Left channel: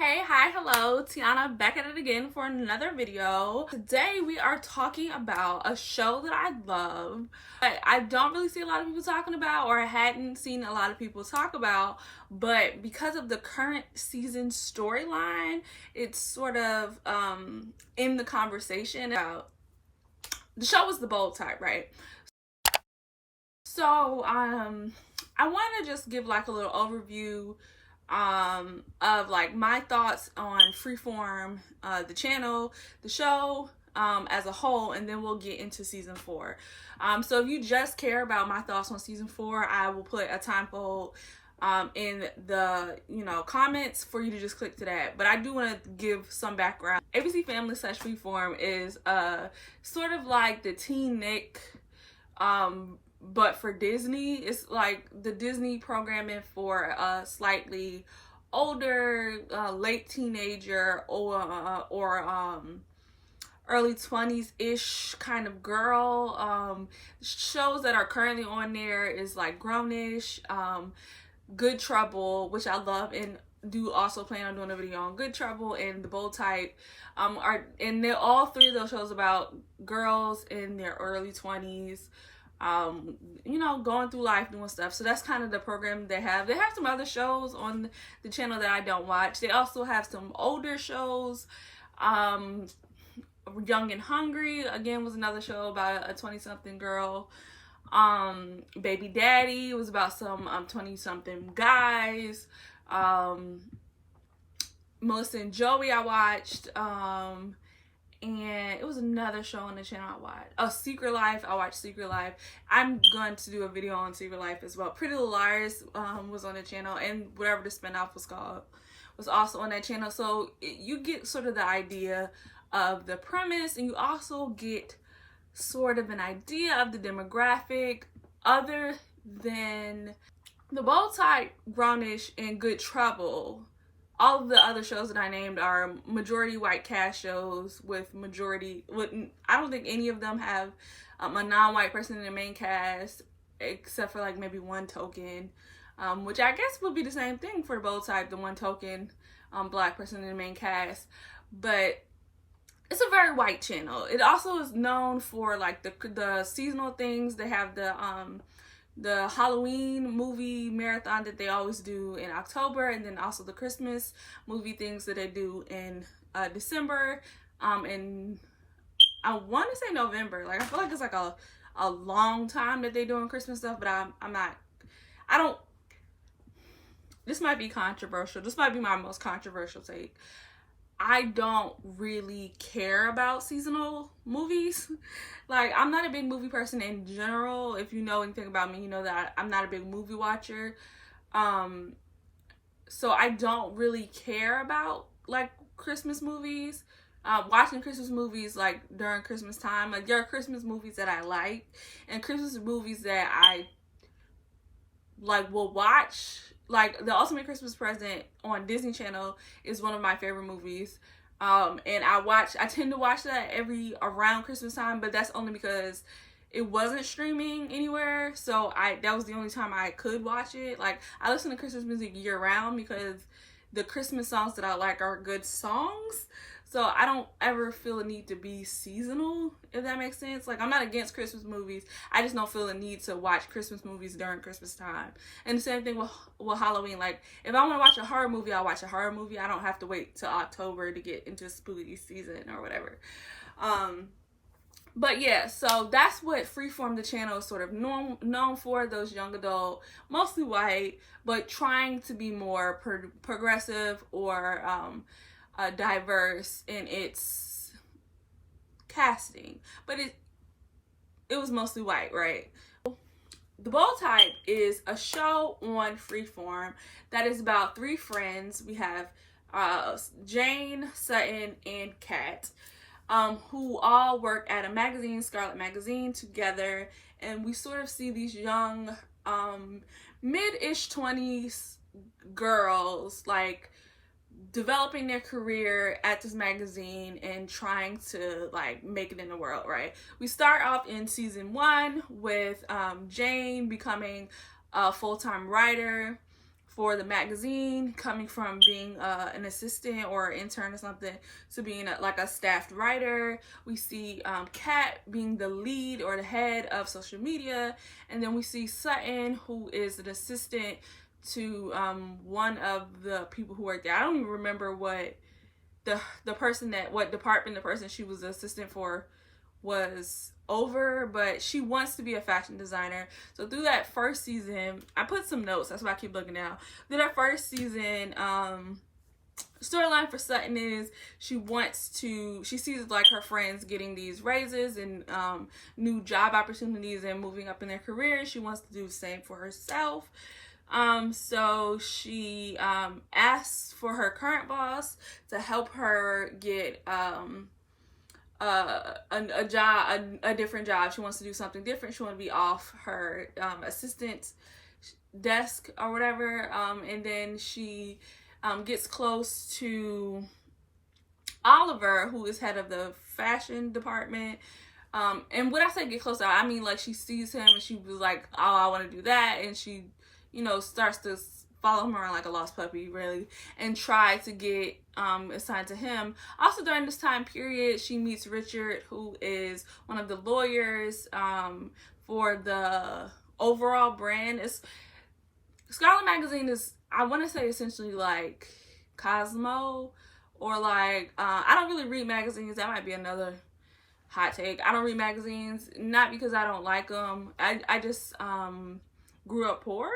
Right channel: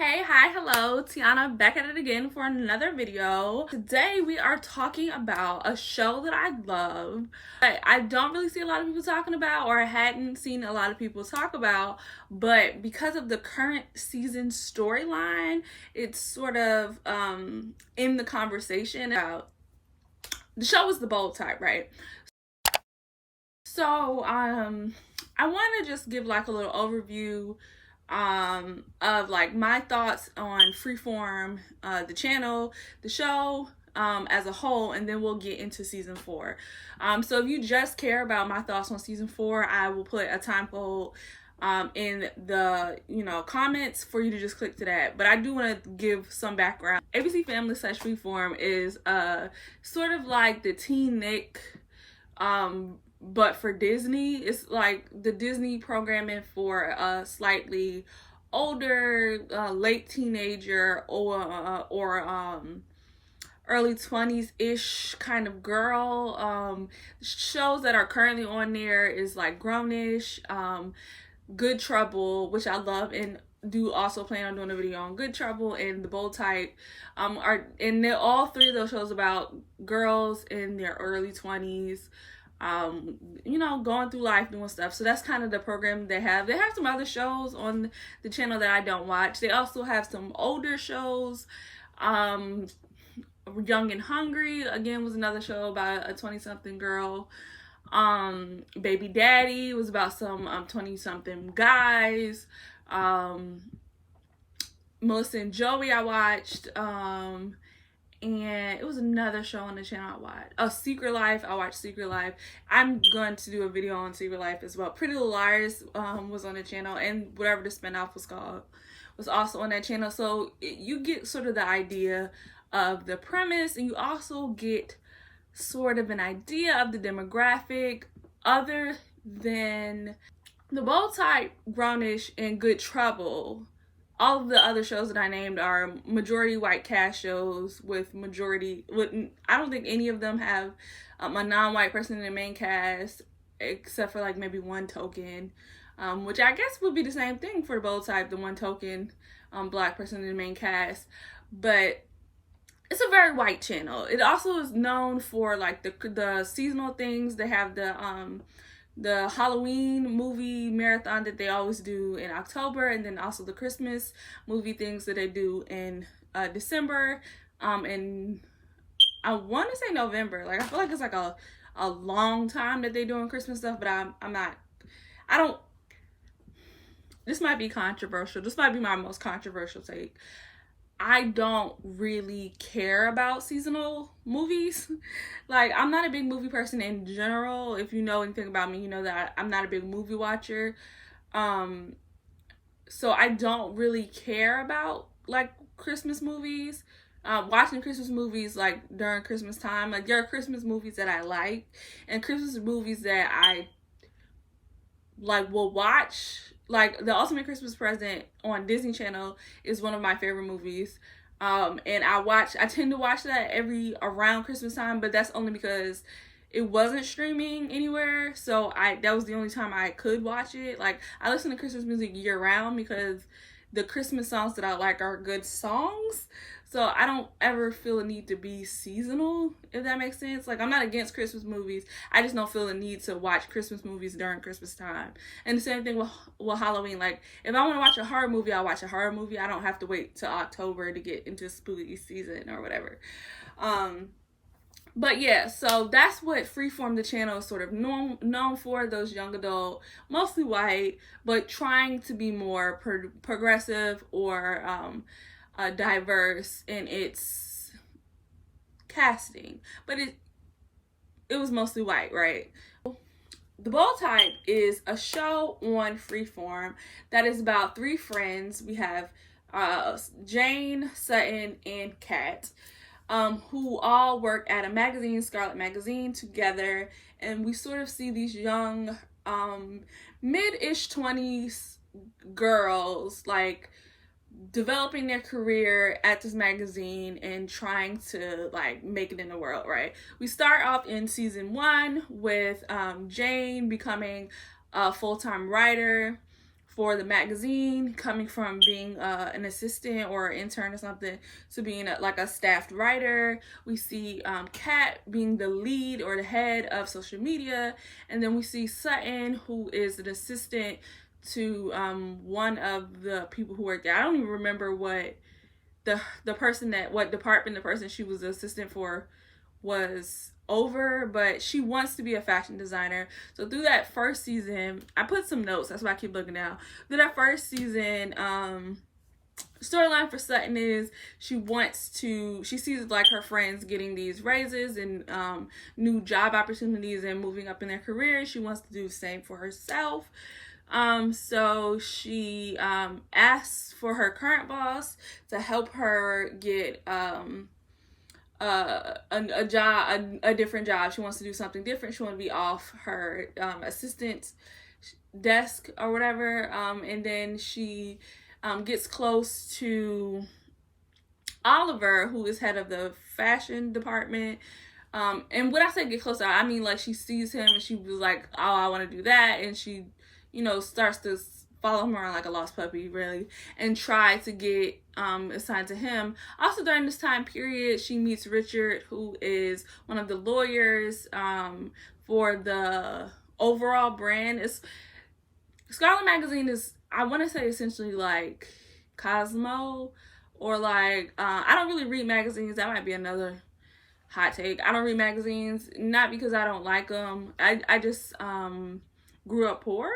Hey, hi, hello, Tiana back at it again for another video. Today we are talking about a show that I love, but I don't really see a lot of people talking about, or I hadn't seen a lot of people talk about, but because of the current season storyline, it's sort of in the conversation about the show is The Bold Type, right? So I want to just give like a little overview of like my thoughts on Freeform, the channel, the show as a whole, and then we'll get into season 4. So if you just care about my thoughts on season 4, I will put a time code in the comments for you to just click to that. But I do want to give some background. ABC Family / Freeform is sort of like the Teen Nick but for Disney. It's like the Disney programming for a slightly older, late teenager or early 20s-ish kind of girl. Shows that are currently on there is like Grownish, Good Trouble, which I love and do also plan on doing a video on Good Trouble, and The Bold Type. All three of those shows about girls in their early 20s, going through life, doing stuff. So that's kind of the program they have. They have some other shows on the channel that I don't watch. They also have some older shows. Young and Hungry, again, was another show about a 20-something girl. Baby Daddy was about some 20-something guys. Melissa and Joey I watched. And it was another show on the channel I watched. Oh, Secret Life. I watched Secret Life. I'm going to do a video on Secret Life as well. Pretty Little Liars was on the channel, and whatever the spinoff was called was also on that channel. So you get sort of the idea of the premise, and you also get sort of an idea of the demographic, other than The Bold Type, Grownish, and Good Trouble. All of the other shows that I named are majority white cast shows with I don't think any of them have a non-white person in the main cast, except for like maybe one token, which I guess would be the same thing for The Bold Type, the one token black person in the main cast. But it's a very white channel. It also is known for like the seasonal things. They have the Halloween movie marathon that they always do in October, and then also the Christmas movie things that they do in December, and I want to say November. Like, I feel like it's like a long time that they doing Christmas stuff, but this might be controversial. This might be my most controversial take. I don't really care about seasonal movies. Like, I'm not a big movie person in general. If you know anything about me, you know that I'm not a big movie watcher. So I don't really care about like Christmas movies. Watching Christmas movies like during Christmas time. Like, there are Christmas movies that I like, and Christmas movies that I like will watch. Like, The Ultimate Christmas Present on Disney Channel is one of my favorite movies. And I tend to watch that around Christmas time, but that's only because it wasn't streaming anywhere. So that was the only time I could watch it. Like, I listen to Christmas music year round because the Christmas songs that I like are good songs. So I don't ever feel a need to be seasonal, if that makes sense. Like, I'm not against Christmas movies. I just don't feel a need to watch Christmas movies during Christmas time. And the same thing with Halloween. Like, if I want to watch a horror movie, I'll watch a horror movie. I don't have to wait till October to get into spooky season or whatever. But yeah, so that's what Freeform, the channel, is sort of known for. Those young adult, mostly white, but trying to be more progressive or diverse in its casting, but it was mostly white, right? The Bold Type is a show on Freeform that is about 3 friends. We have Jane, Sutton, and Kat, who all work at a magazine, Scarlet Magazine, together, and we sort of see these young mid-ish 20s girls like developing their career at this magazine and trying to like make it in the world, right? We start off in season 1 with Jane becoming a full-time writer for the magazine, coming from being an assistant or an intern or something to being like a staffed writer. We see Kat being the lead or the head of social media, and then we see Sutton, who is an assistant to one of the people who work there. I don't even remember what the person what department the person she was the assistant for was over, but she wants to be a fashion designer. So through that first season, I put some notes, that's why I keep looking down. Through that first season, storyline for Sutton is she sees like her friends getting these raises and new job opportunities and moving up in their careers. She wants to do the same for herself. So she asks for her current boss to help her get a job, a different job. She wants to do something different. She wants to be off her assistant desk or whatever. And then she gets close to Oliver, who is head of the fashion department. And when I say get close, I mean like she sees him and she was like, oh, I want to do that. And she, starts to follow him around like a lost puppy, really, and try to get assigned to him. Also, during this time period, she meets Richard, who is one of the lawyers for the overall brand. Scarlet Magazine is, I want to say, essentially like Cosmo, or like, I don't really read magazines. That might be another hot take. I don't read magazines, not because I don't like them. I just grew up poor.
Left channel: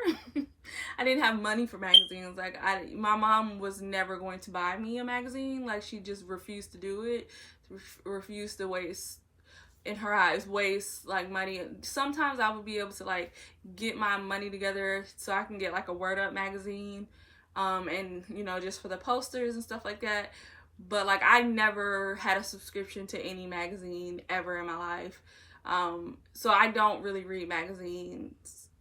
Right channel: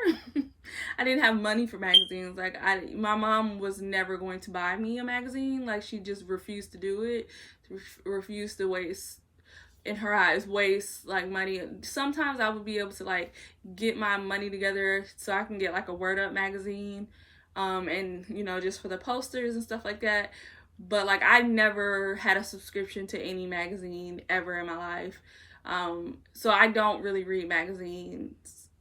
I didn't have money for magazines. Like my mom was never going to buy me a magazine. Like she just refused to do it. Refused to waste, in her eyes, waste like money. Sometimes I would be able to like get my money together so I can get like a Word Up magazine, and just for the posters and stuff like that. But like I never had a subscription to any magazine ever in my life. So I don't really read magazines,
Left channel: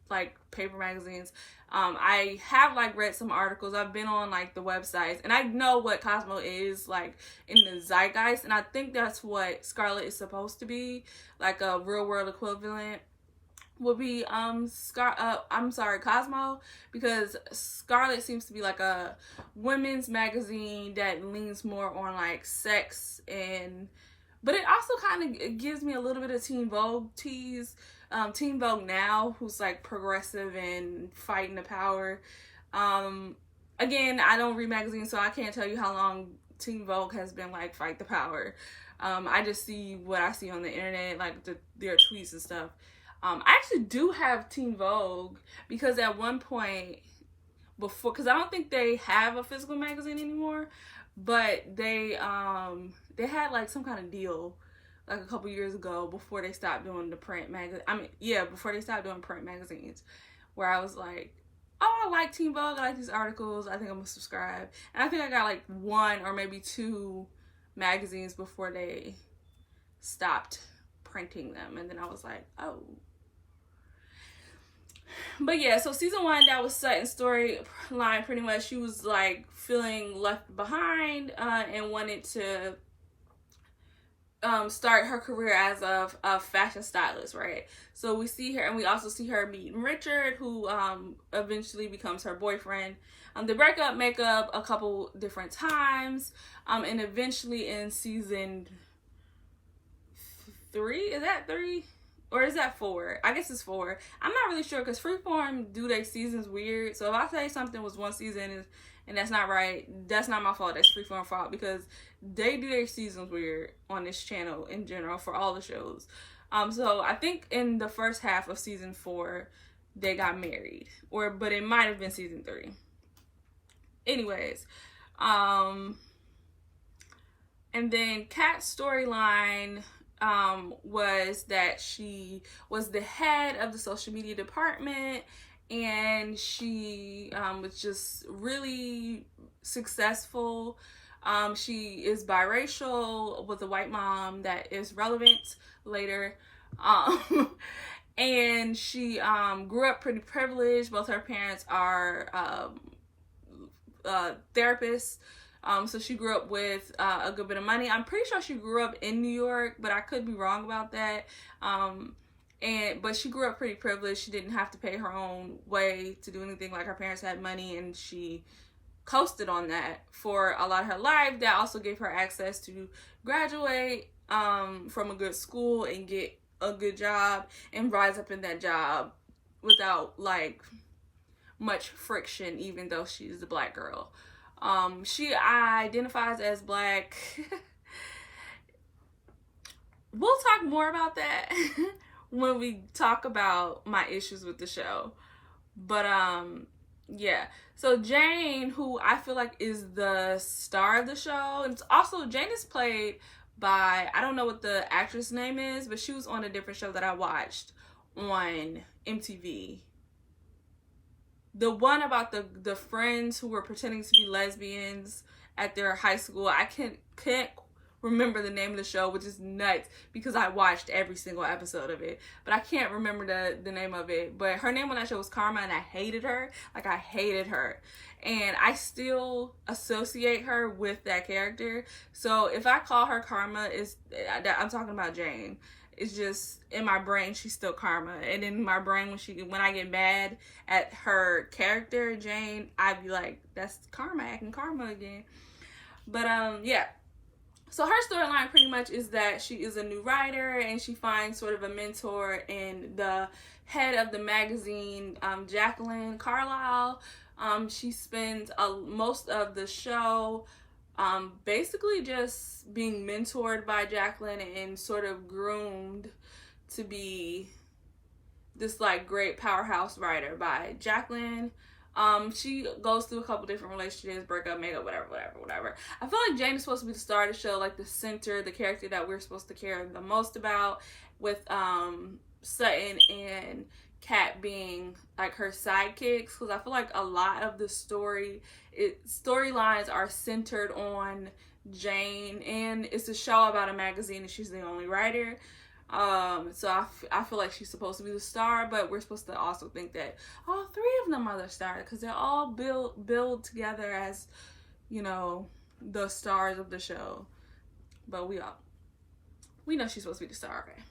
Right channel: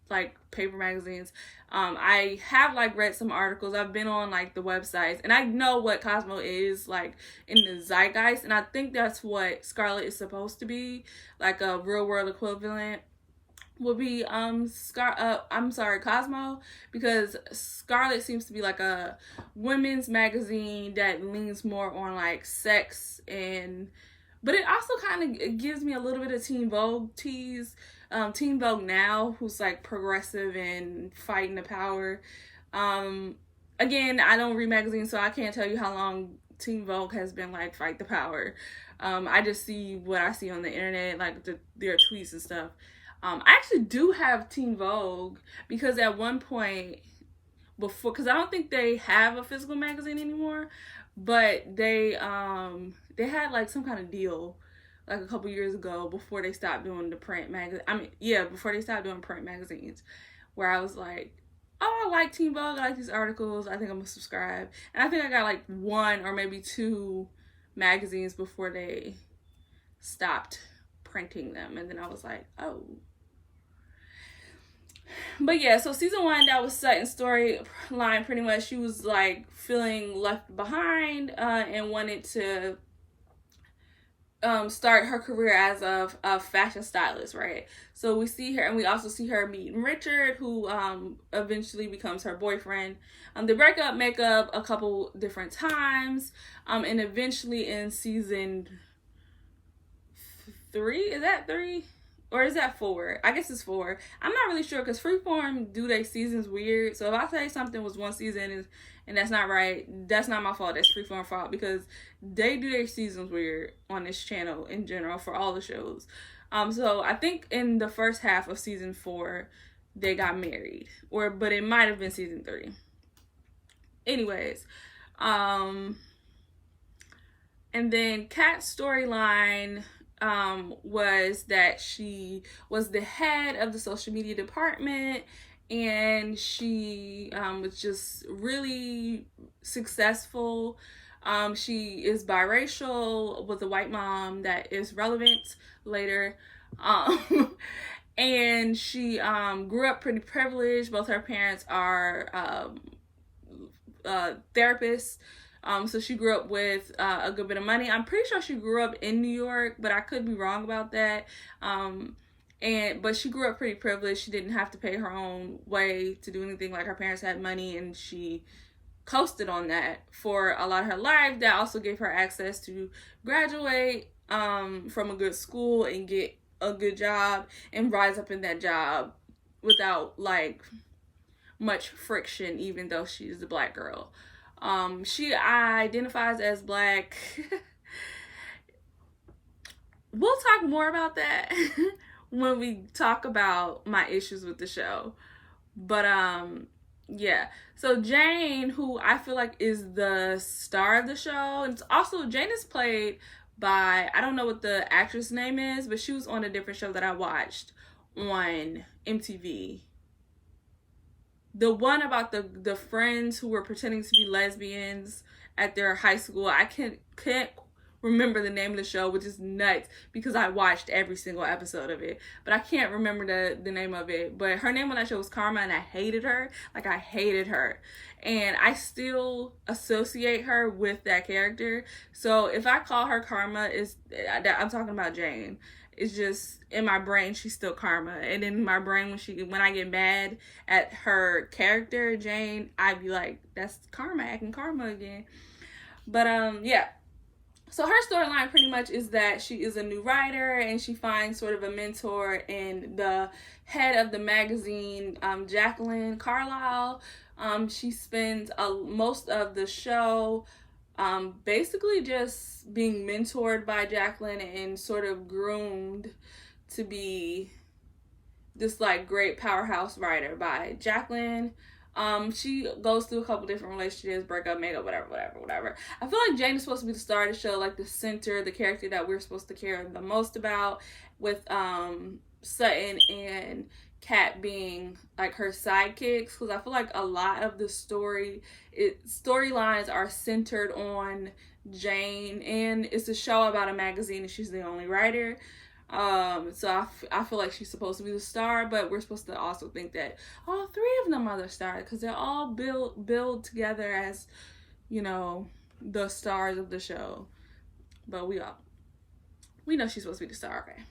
like paper magazines. I have like read some articles. I've been on like the websites, and I know what Cosmo is like in the zeitgeist, and I think that's what Scarlet is supposed to be, like a real world equivalent would be Cosmo, because Scarlet seems to be like a women's magazine that leans more on like sex, but it also kind of gives me a little bit of Teen Vogue tease. Teen Vogue now, who's like progressive and fighting the power. Again, I don't read magazines, so I can't tell you how long Teen Vogue has been like fight the power. I just see what I see on the internet, like their tweets and stuff. I actually do have Teen Vogue because at one point before, because I don't think they have a physical magazine anymore, but they had like some kind of deal like a couple years ago before they stopped doing the print before they stopped doing print magazines, where I was like, oh, I like Teen Vogue, I like these articles, I think I'm gonna subscribe. And I think I got like one or maybe two magazines before they stopped printing them, and then I was like, oh. But yeah, so season 1, that was Sutton's storyline. Pretty much she was like feeling left behind and wanted to start her career as a fashion stylist, right? So we see her, and we also see her meeting Richard, who eventually becomes her boyfriend. They break up, make up a couple different times, and eventually in season 3, is that 3? Or is that 4? I guess it's 4. I'm not really sure, because Freeform do their seasons weird. So if I say something was one season and that's not right, that's not my fault. That's Freeform fault, because they do their seasons weird on this channel in general for all the shows. So I think in the first half of season 4, they got married, but it might have been season 3. Anyways, and then Kat's storyline was that she was the head of the social media department, and she was just really successful. She is biracial with a white mom that is relevant later. And she grew up pretty privileged. Both her parents are therapists. So she grew up with a good bit of money. I'm pretty sure she grew up in New York, but I could be wrong about that. But she grew up pretty privileged. She didn't have to pay her own way to do anything. Like, her parents had money, and she coasted on that for a lot of her life. That also gave her access to graduate from a good school and get a good job and rise up in that job without like much friction, even though she's a Black girl. She identifies as Black. We'll talk more about that when we talk about my issues with the show. But yeah. So Jane, who I feel like is the star of the show, and also Jane is played by, I don't know what the actress name is, but she was on a different show that I watched on MTV. The one about the friends who were pretending to be lesbians at their high school. I can't remember the name of the show, which is nuts because I watched every single episode of it. But I can't remember the name of it. But her name on that show was Karma, and I hated her. Like, I hated her. And I still associate her with that character. So if I call her Karma, I'm talking about Jane. It's just, in my brain, she's still Karma. And in my brain, when I get mad at her character, Jane, I'd be like, that's Karma acting Karma again. But yeah. So her storyline pretty much is that she is a new writer, and she finds sort of a mentor in the head of the magazine, Jacqueline Carlisle. She spends most of the show basically just being mentored by Jacqueline and sort of groomed to be this like great powerhouse writer by Jacqueline. She goes through a couple different relationships, breakup, makeup, whatever. I feel like Jane is supposed to be the star of the show, like the center, the character that we're supposed to care the most about, with Sutton and Kat being like her sidekicks, because I feel like a lot of the storylines are centered on Jane, and it's a show about a magazine and she's the only writer. So I feel like she's supposed to be the star, but we're supposed to also think that all three of them are the stars, because they're all build together as, you know, the stars of the show. But we know she's supposed to be the star, okay?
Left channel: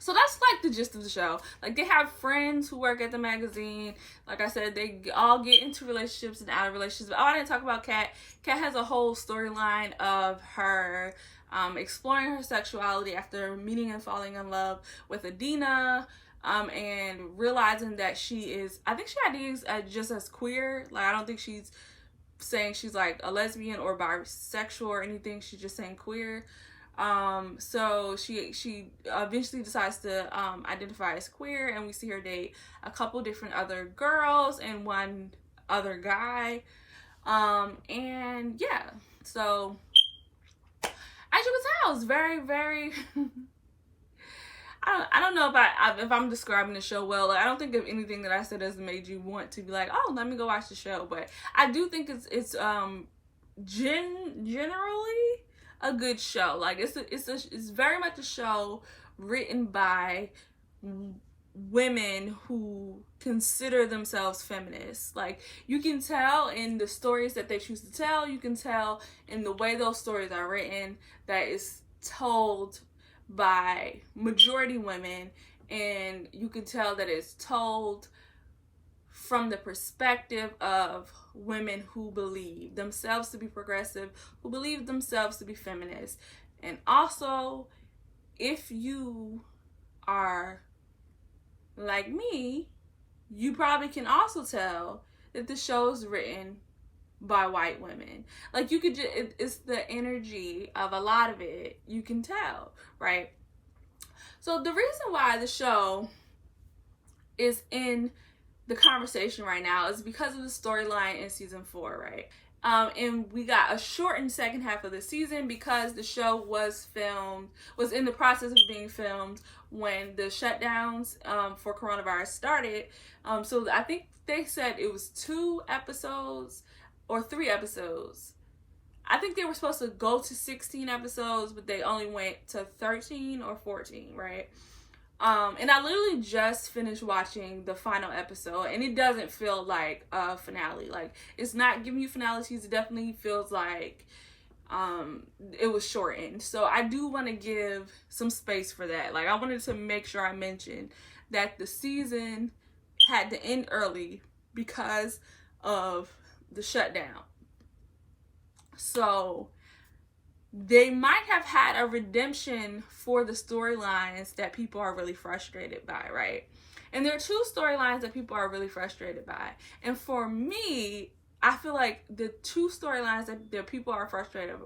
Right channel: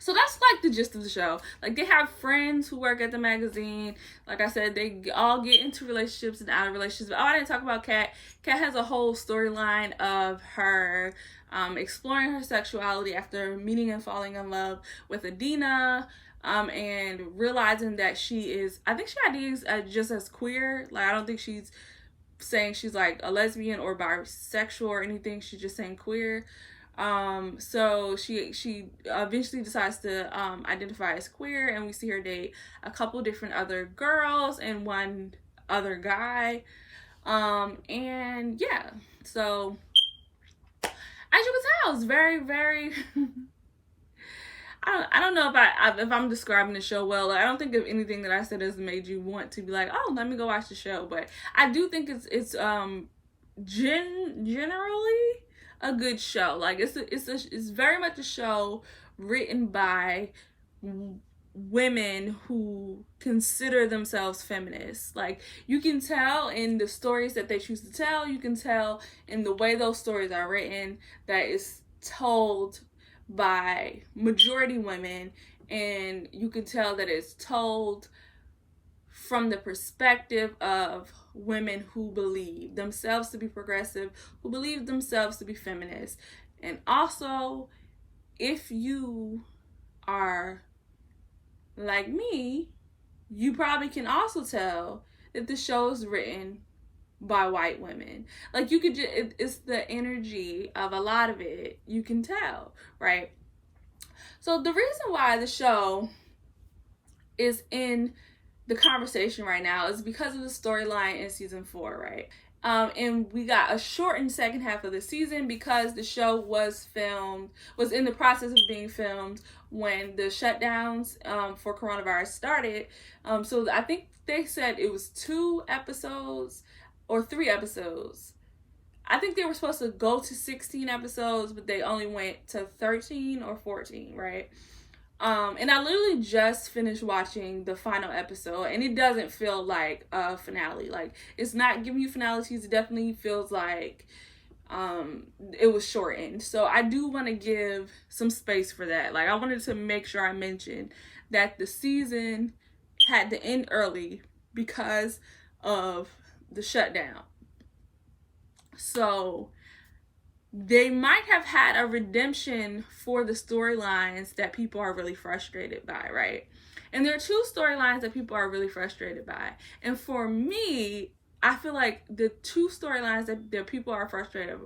So that's like the gist of the show. Like, they have friends who work at the magazine. Like I said, they all get into relationships and out of relationships. But I didn't talk about Kat. Kat has a whole storyline of her exploring her sexuality after meeting and falling in love with Adina, and realizing that I think she identifies just as queer. Like, I don't think she's saying she's like a lesbian or bisexual or anything. She's just saying queer. So she eventually decides to identify as queer, and we see her date a couple different other girls and one other guy. And yeah, so as you can tell, it's very, very I don't know if I'm describing the show well. Like, I don't think of anything that I said has made you want to be like, oh, let me go watch the show. But I do think it's generally a good show. Like, it's very much a show written by women who consider themselves feminists. Like, you can tell in the stories that they choose to tell, you can tell in the way those stories are written that it's told by majority women, and you can tell that it's told from the perspective of women who believe themselves to be progressive, who believe themselves to be feminist. And also, if you are like me, you probably can also tell that the show is written by white women. Like, you could just, it's the energy of a lot of it, you can tell, right? So the reason why the show is in the conversation right now is because of the storyline in season 4, right? And we got a shortened second half of the season because the show was in the process of being filmed when the shutdowns for coronavirus started. So I think they said it was 2 episodes or 3 episodes. I think they were supposed to go to 16 episodes, but they only went to 13 or 14, right? And I literally just finished watching the final episode, and it doesn't feel like a finale. Like, it's not giving you finalities. It definitely feels like it was shortened. So I do want to give some space for that. Like, I wanted to make sure I mentioned that the season had to end early because of the shutdown. So they might have had a redemption for the storylines that people are really frustrated by, right? And there are two storylines that people are really frustrated by. And for me, I feel like the two storylines that people are frustrated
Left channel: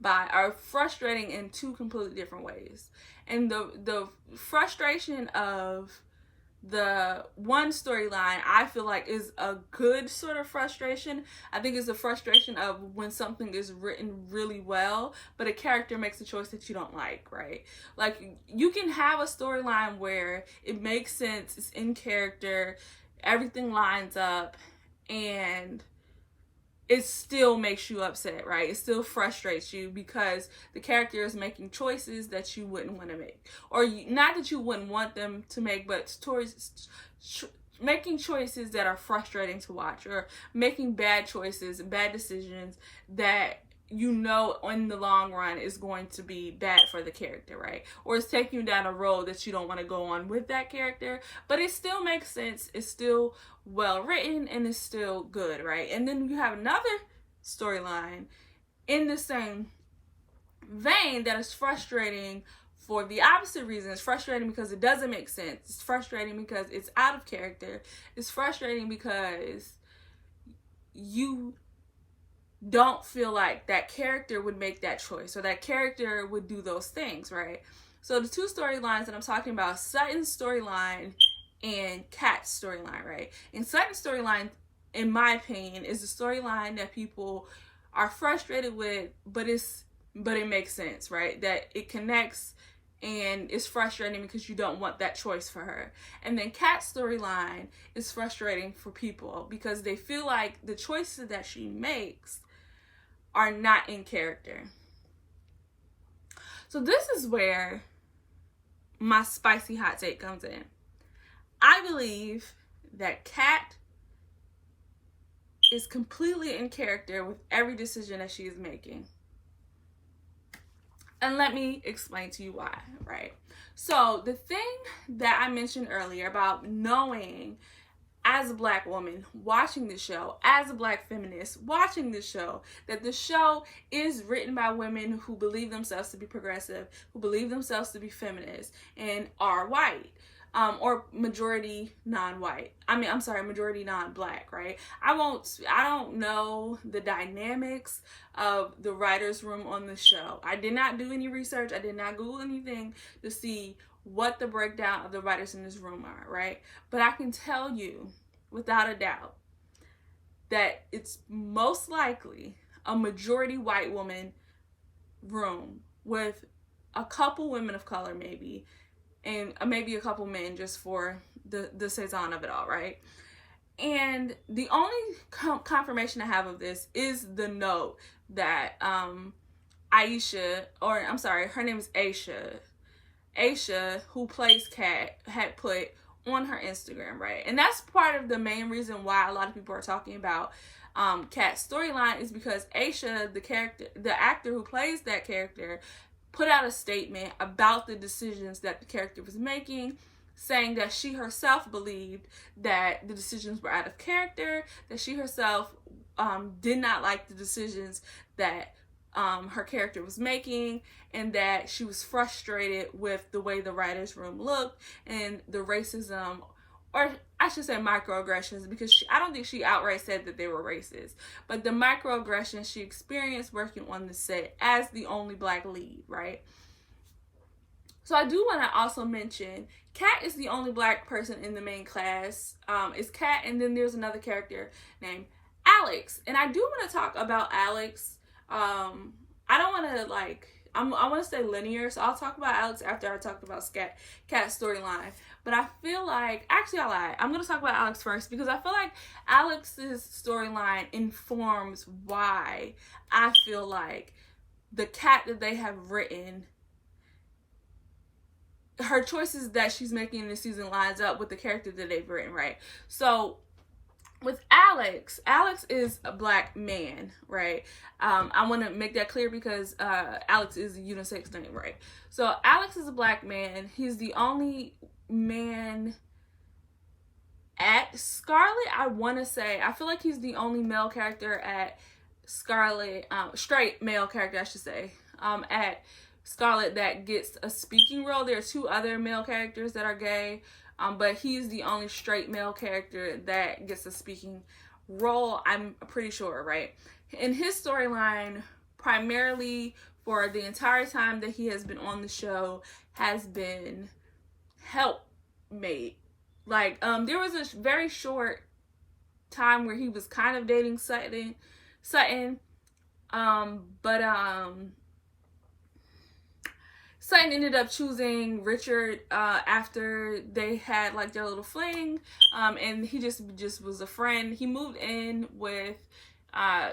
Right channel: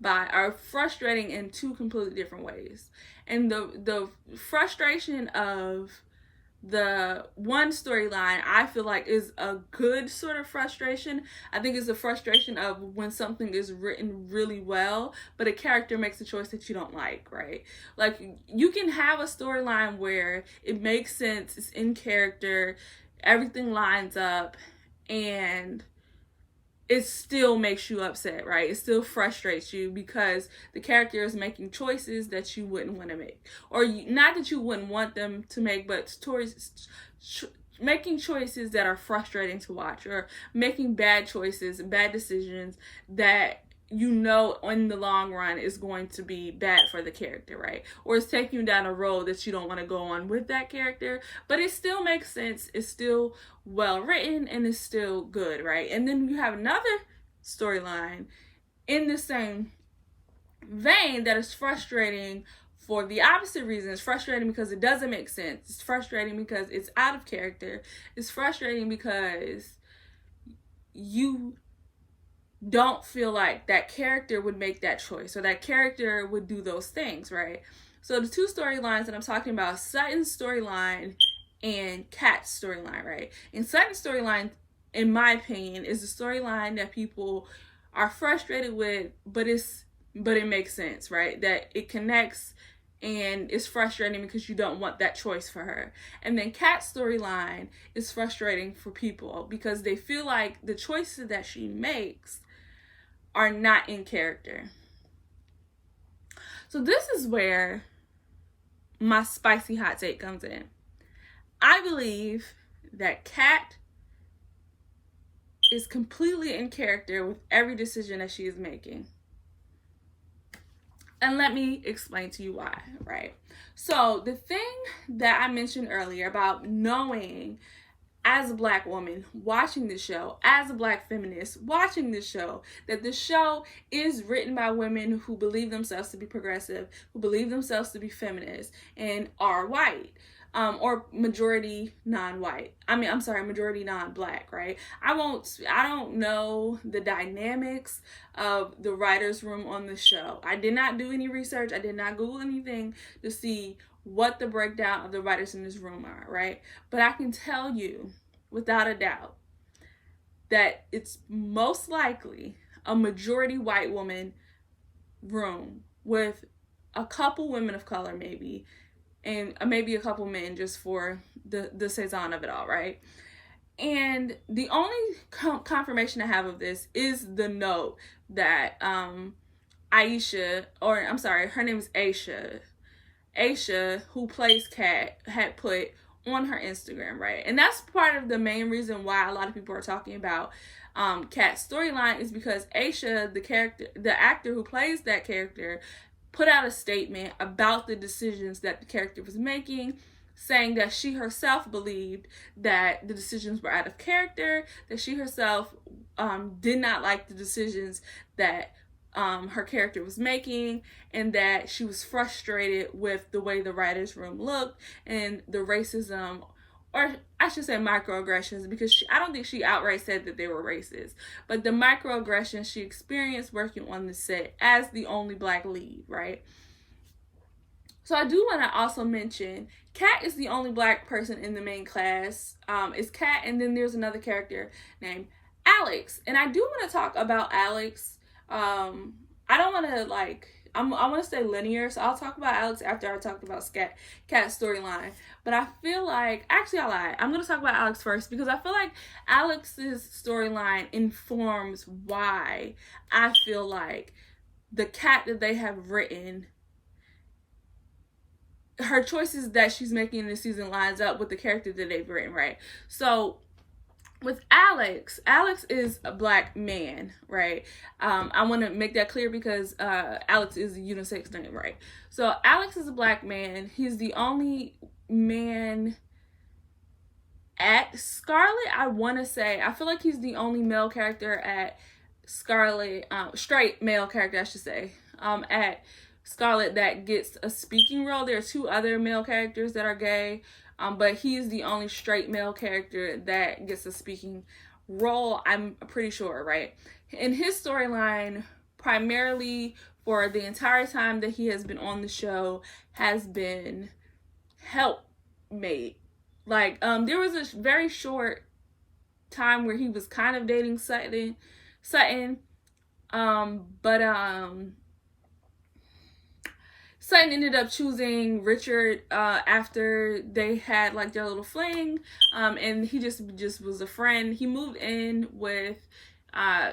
by are frustrating in two completely different ways. And the frustration of the one storyline, I feel like, is a good sort of frustration. I think it's the frustration of when something is written really well, but a character makes a choice that you don't like, right? Like, you can have a storyline where it makes sense, it's in character, everything lines up, and it still makes you upset, right? It still frustrates you because the character is making choices that you wouldn't want to make. Or not that you wouldn't want them to make, but making choices that are frustrating to watch, or making bad choices, bad decisions that you know in the long run is going to be bad for the character, right? Or it's taking you down a road that you don't want to go on with that character, but it still makes sense, it's still well written, and it's still good, right? And then you have another storyline in the same vein that is frustrating for the opposite reason. It's frustrating because it doesn't make sense. It's frustrating because it's out of character. It's frustrating because you don't feel like that character would make that choice, or that character would do those things, right? So the two storylines that I'm talking about, Sutton's storyline and Kat's storyline, right? And Sutton's storyline, in my opinion, is the storyline that people are frustrated with, but it makes sense, right? That it connects, and it's frustrating because you don't want that choice for her. And then Kat's storyline is frustrating for people because they feel like the choices that she makes are not in character. So this is where my spicy hot take comes in. I believe that Kat is completely in character with every decision that she is making. And let me explain to you why, right? So the thing that I mentioned earlier about knowing, as a Black woman watching the show, as a Black feminist watching the show, that the show is written by women who believe themselves to be progressive, who believe themselves to be feminists, and are white. Or majority non-white. Majority non-Black, right? I don't know the dynamics of the writer's room on the show. I did not do any research. I did not Google anything to see what the breakdown of the writers in this room are, right? But I can tell you, without a doubt, that it's most likely a majority white woman room with a couple women of color, maybe, and maybe a couple men, just for the saison of it all, right? And the only confirmation I have of this is the note that Aisha, or I'm sorry, her name is Aisha, who plays Kat, had put on her Instagram, right? And that's part of the main reason why a lot of people are talking about Kat's storyline, is because Aisha, the actor who plays that character, put out a statement about the decisions that the character was making, saying that she herself believed that the decisions were out of character, that she herself did not like the decisions that her character was making, and that she was frustrated with the way the writer's room looked and the racism, or I should say microaggressions, because I don't think she outright said that they were racist, but the microaggressions she experienced working on the set as the only Black lead, right? So I do want to also mention, Kat is the only Black person in the main class. It's Kat, and then there's another character named Alex, and I do want to talk about Alex. I don't want to I want to stay linear, so I'll talk about Alex after I talk about Kat's storyline. But I feel like, actually I lied, I'm going to talk about Alex first, because I feel like Alex's storyline informs why I feel like the Kat that they have written, her choices that she's making in this season lines up with the character that they've written, right? So with Alex is a black man, right? I want to make that clear because Alex is a unisex name, right? So Alex is a black man. He's the only man at Scarlet. I want to say, I feel like he's the only male character at Scarlet, straight male character, I should say, at Scarlet that gets a speaking role. There are 2 other male characters that are gay, but he's the only straight male character that gets a speaking role, I'm pretty sure, right? In his storyline, primarily for the entire time that he has been on the show, has been helpmate. Like, there was a very short time where he was kind of dating Sutton, but Sutton ended up choosing Richard after they had like their little fling, and he just was a friend. He moved in with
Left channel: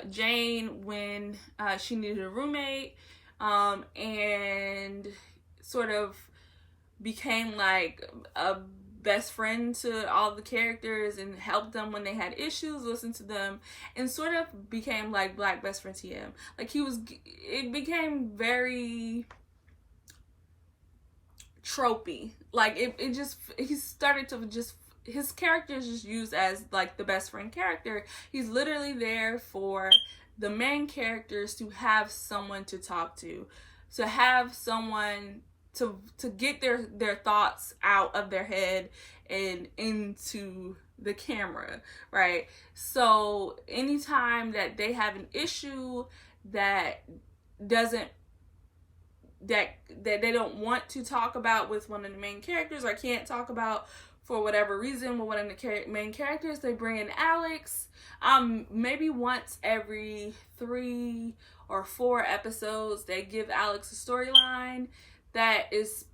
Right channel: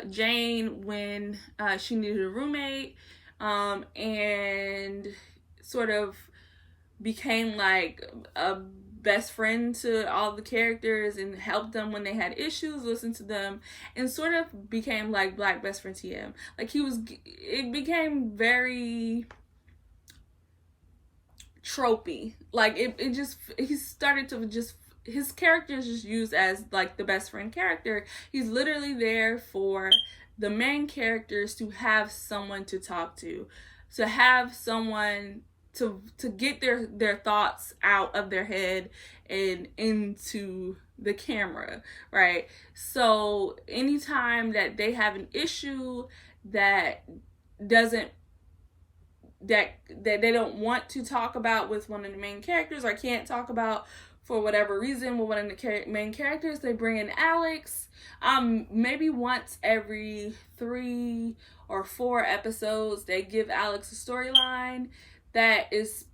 Jane when she needed a roommate, and sort of became like a best friend to all the characters and helped them when they had issues, listened to them, and sort of became like black best friend to him. Like, it became very tropey. Like, he started to just, his character is just used as like the best friend character. He's literally there for the main characters to have someone to talk to have someone to get their thoughts out of their head and into the camera, right? So anytime that they have an issue that they don't want to talk about with one of the main characters, or can't talk about for whatever reason with one of the main characters, they bring in Alex. Maybe once every 3 or 4 episodes, they give Alex a storyline that is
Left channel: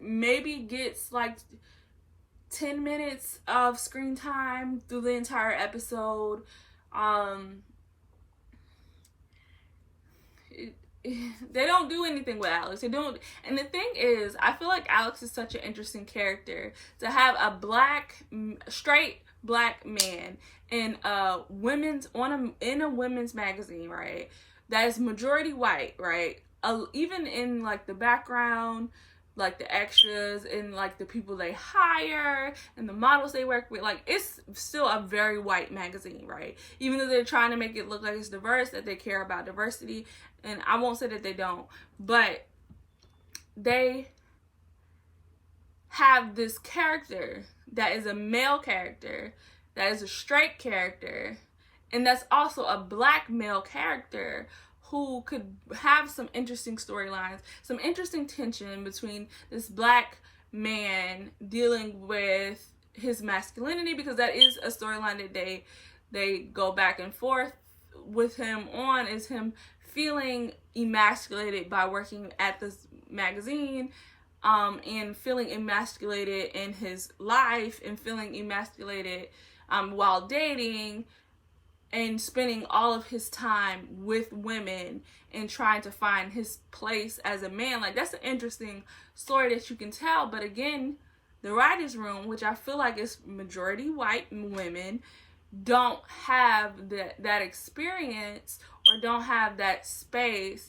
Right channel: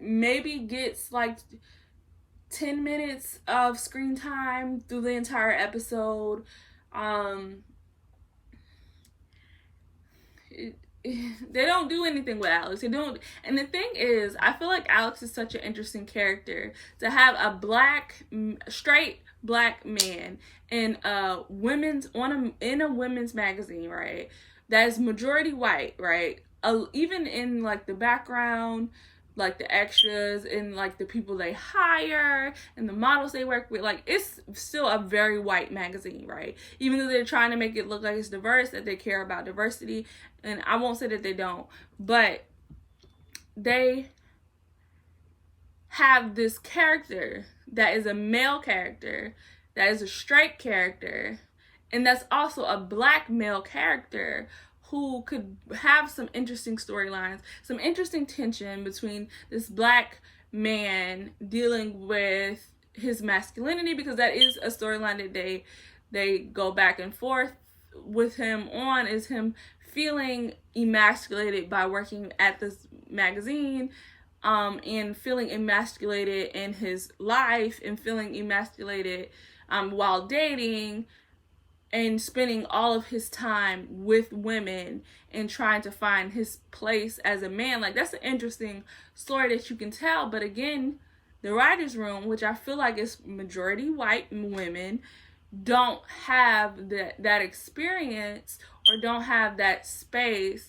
maybe gets like 10 minutes of screen time through the entire episode. They don't do anything with Alex. They don't. And the thing is, I feel like Alex is such an interesting character to have a straight black man in a women's magazine, right? That is majority white, right? Even in like the background, like the extras and like the people they hire and the models they work with, like, it's still a very white magazine, right? Even though they're trying to make it look like it's diverse, that they care about diversity, and I won't say that they don't, but they have this character that is a male character, that is a straight character, and that's also a black male character who could have some interesting storylines, some interesting tension between this black man dealing with his masculinity, because that is a storyline that they go back and forth with him on, is him feeling emasculated by working at this magazine, and feeling emasculated in his life, and feeling emasculated while dating, and spending all of his time with women and trying to find his place as a man. Like, that's an interesting story that you can tell. But again, the writer's room, which I feel like is majority white women, don't have that experience, or don't have that space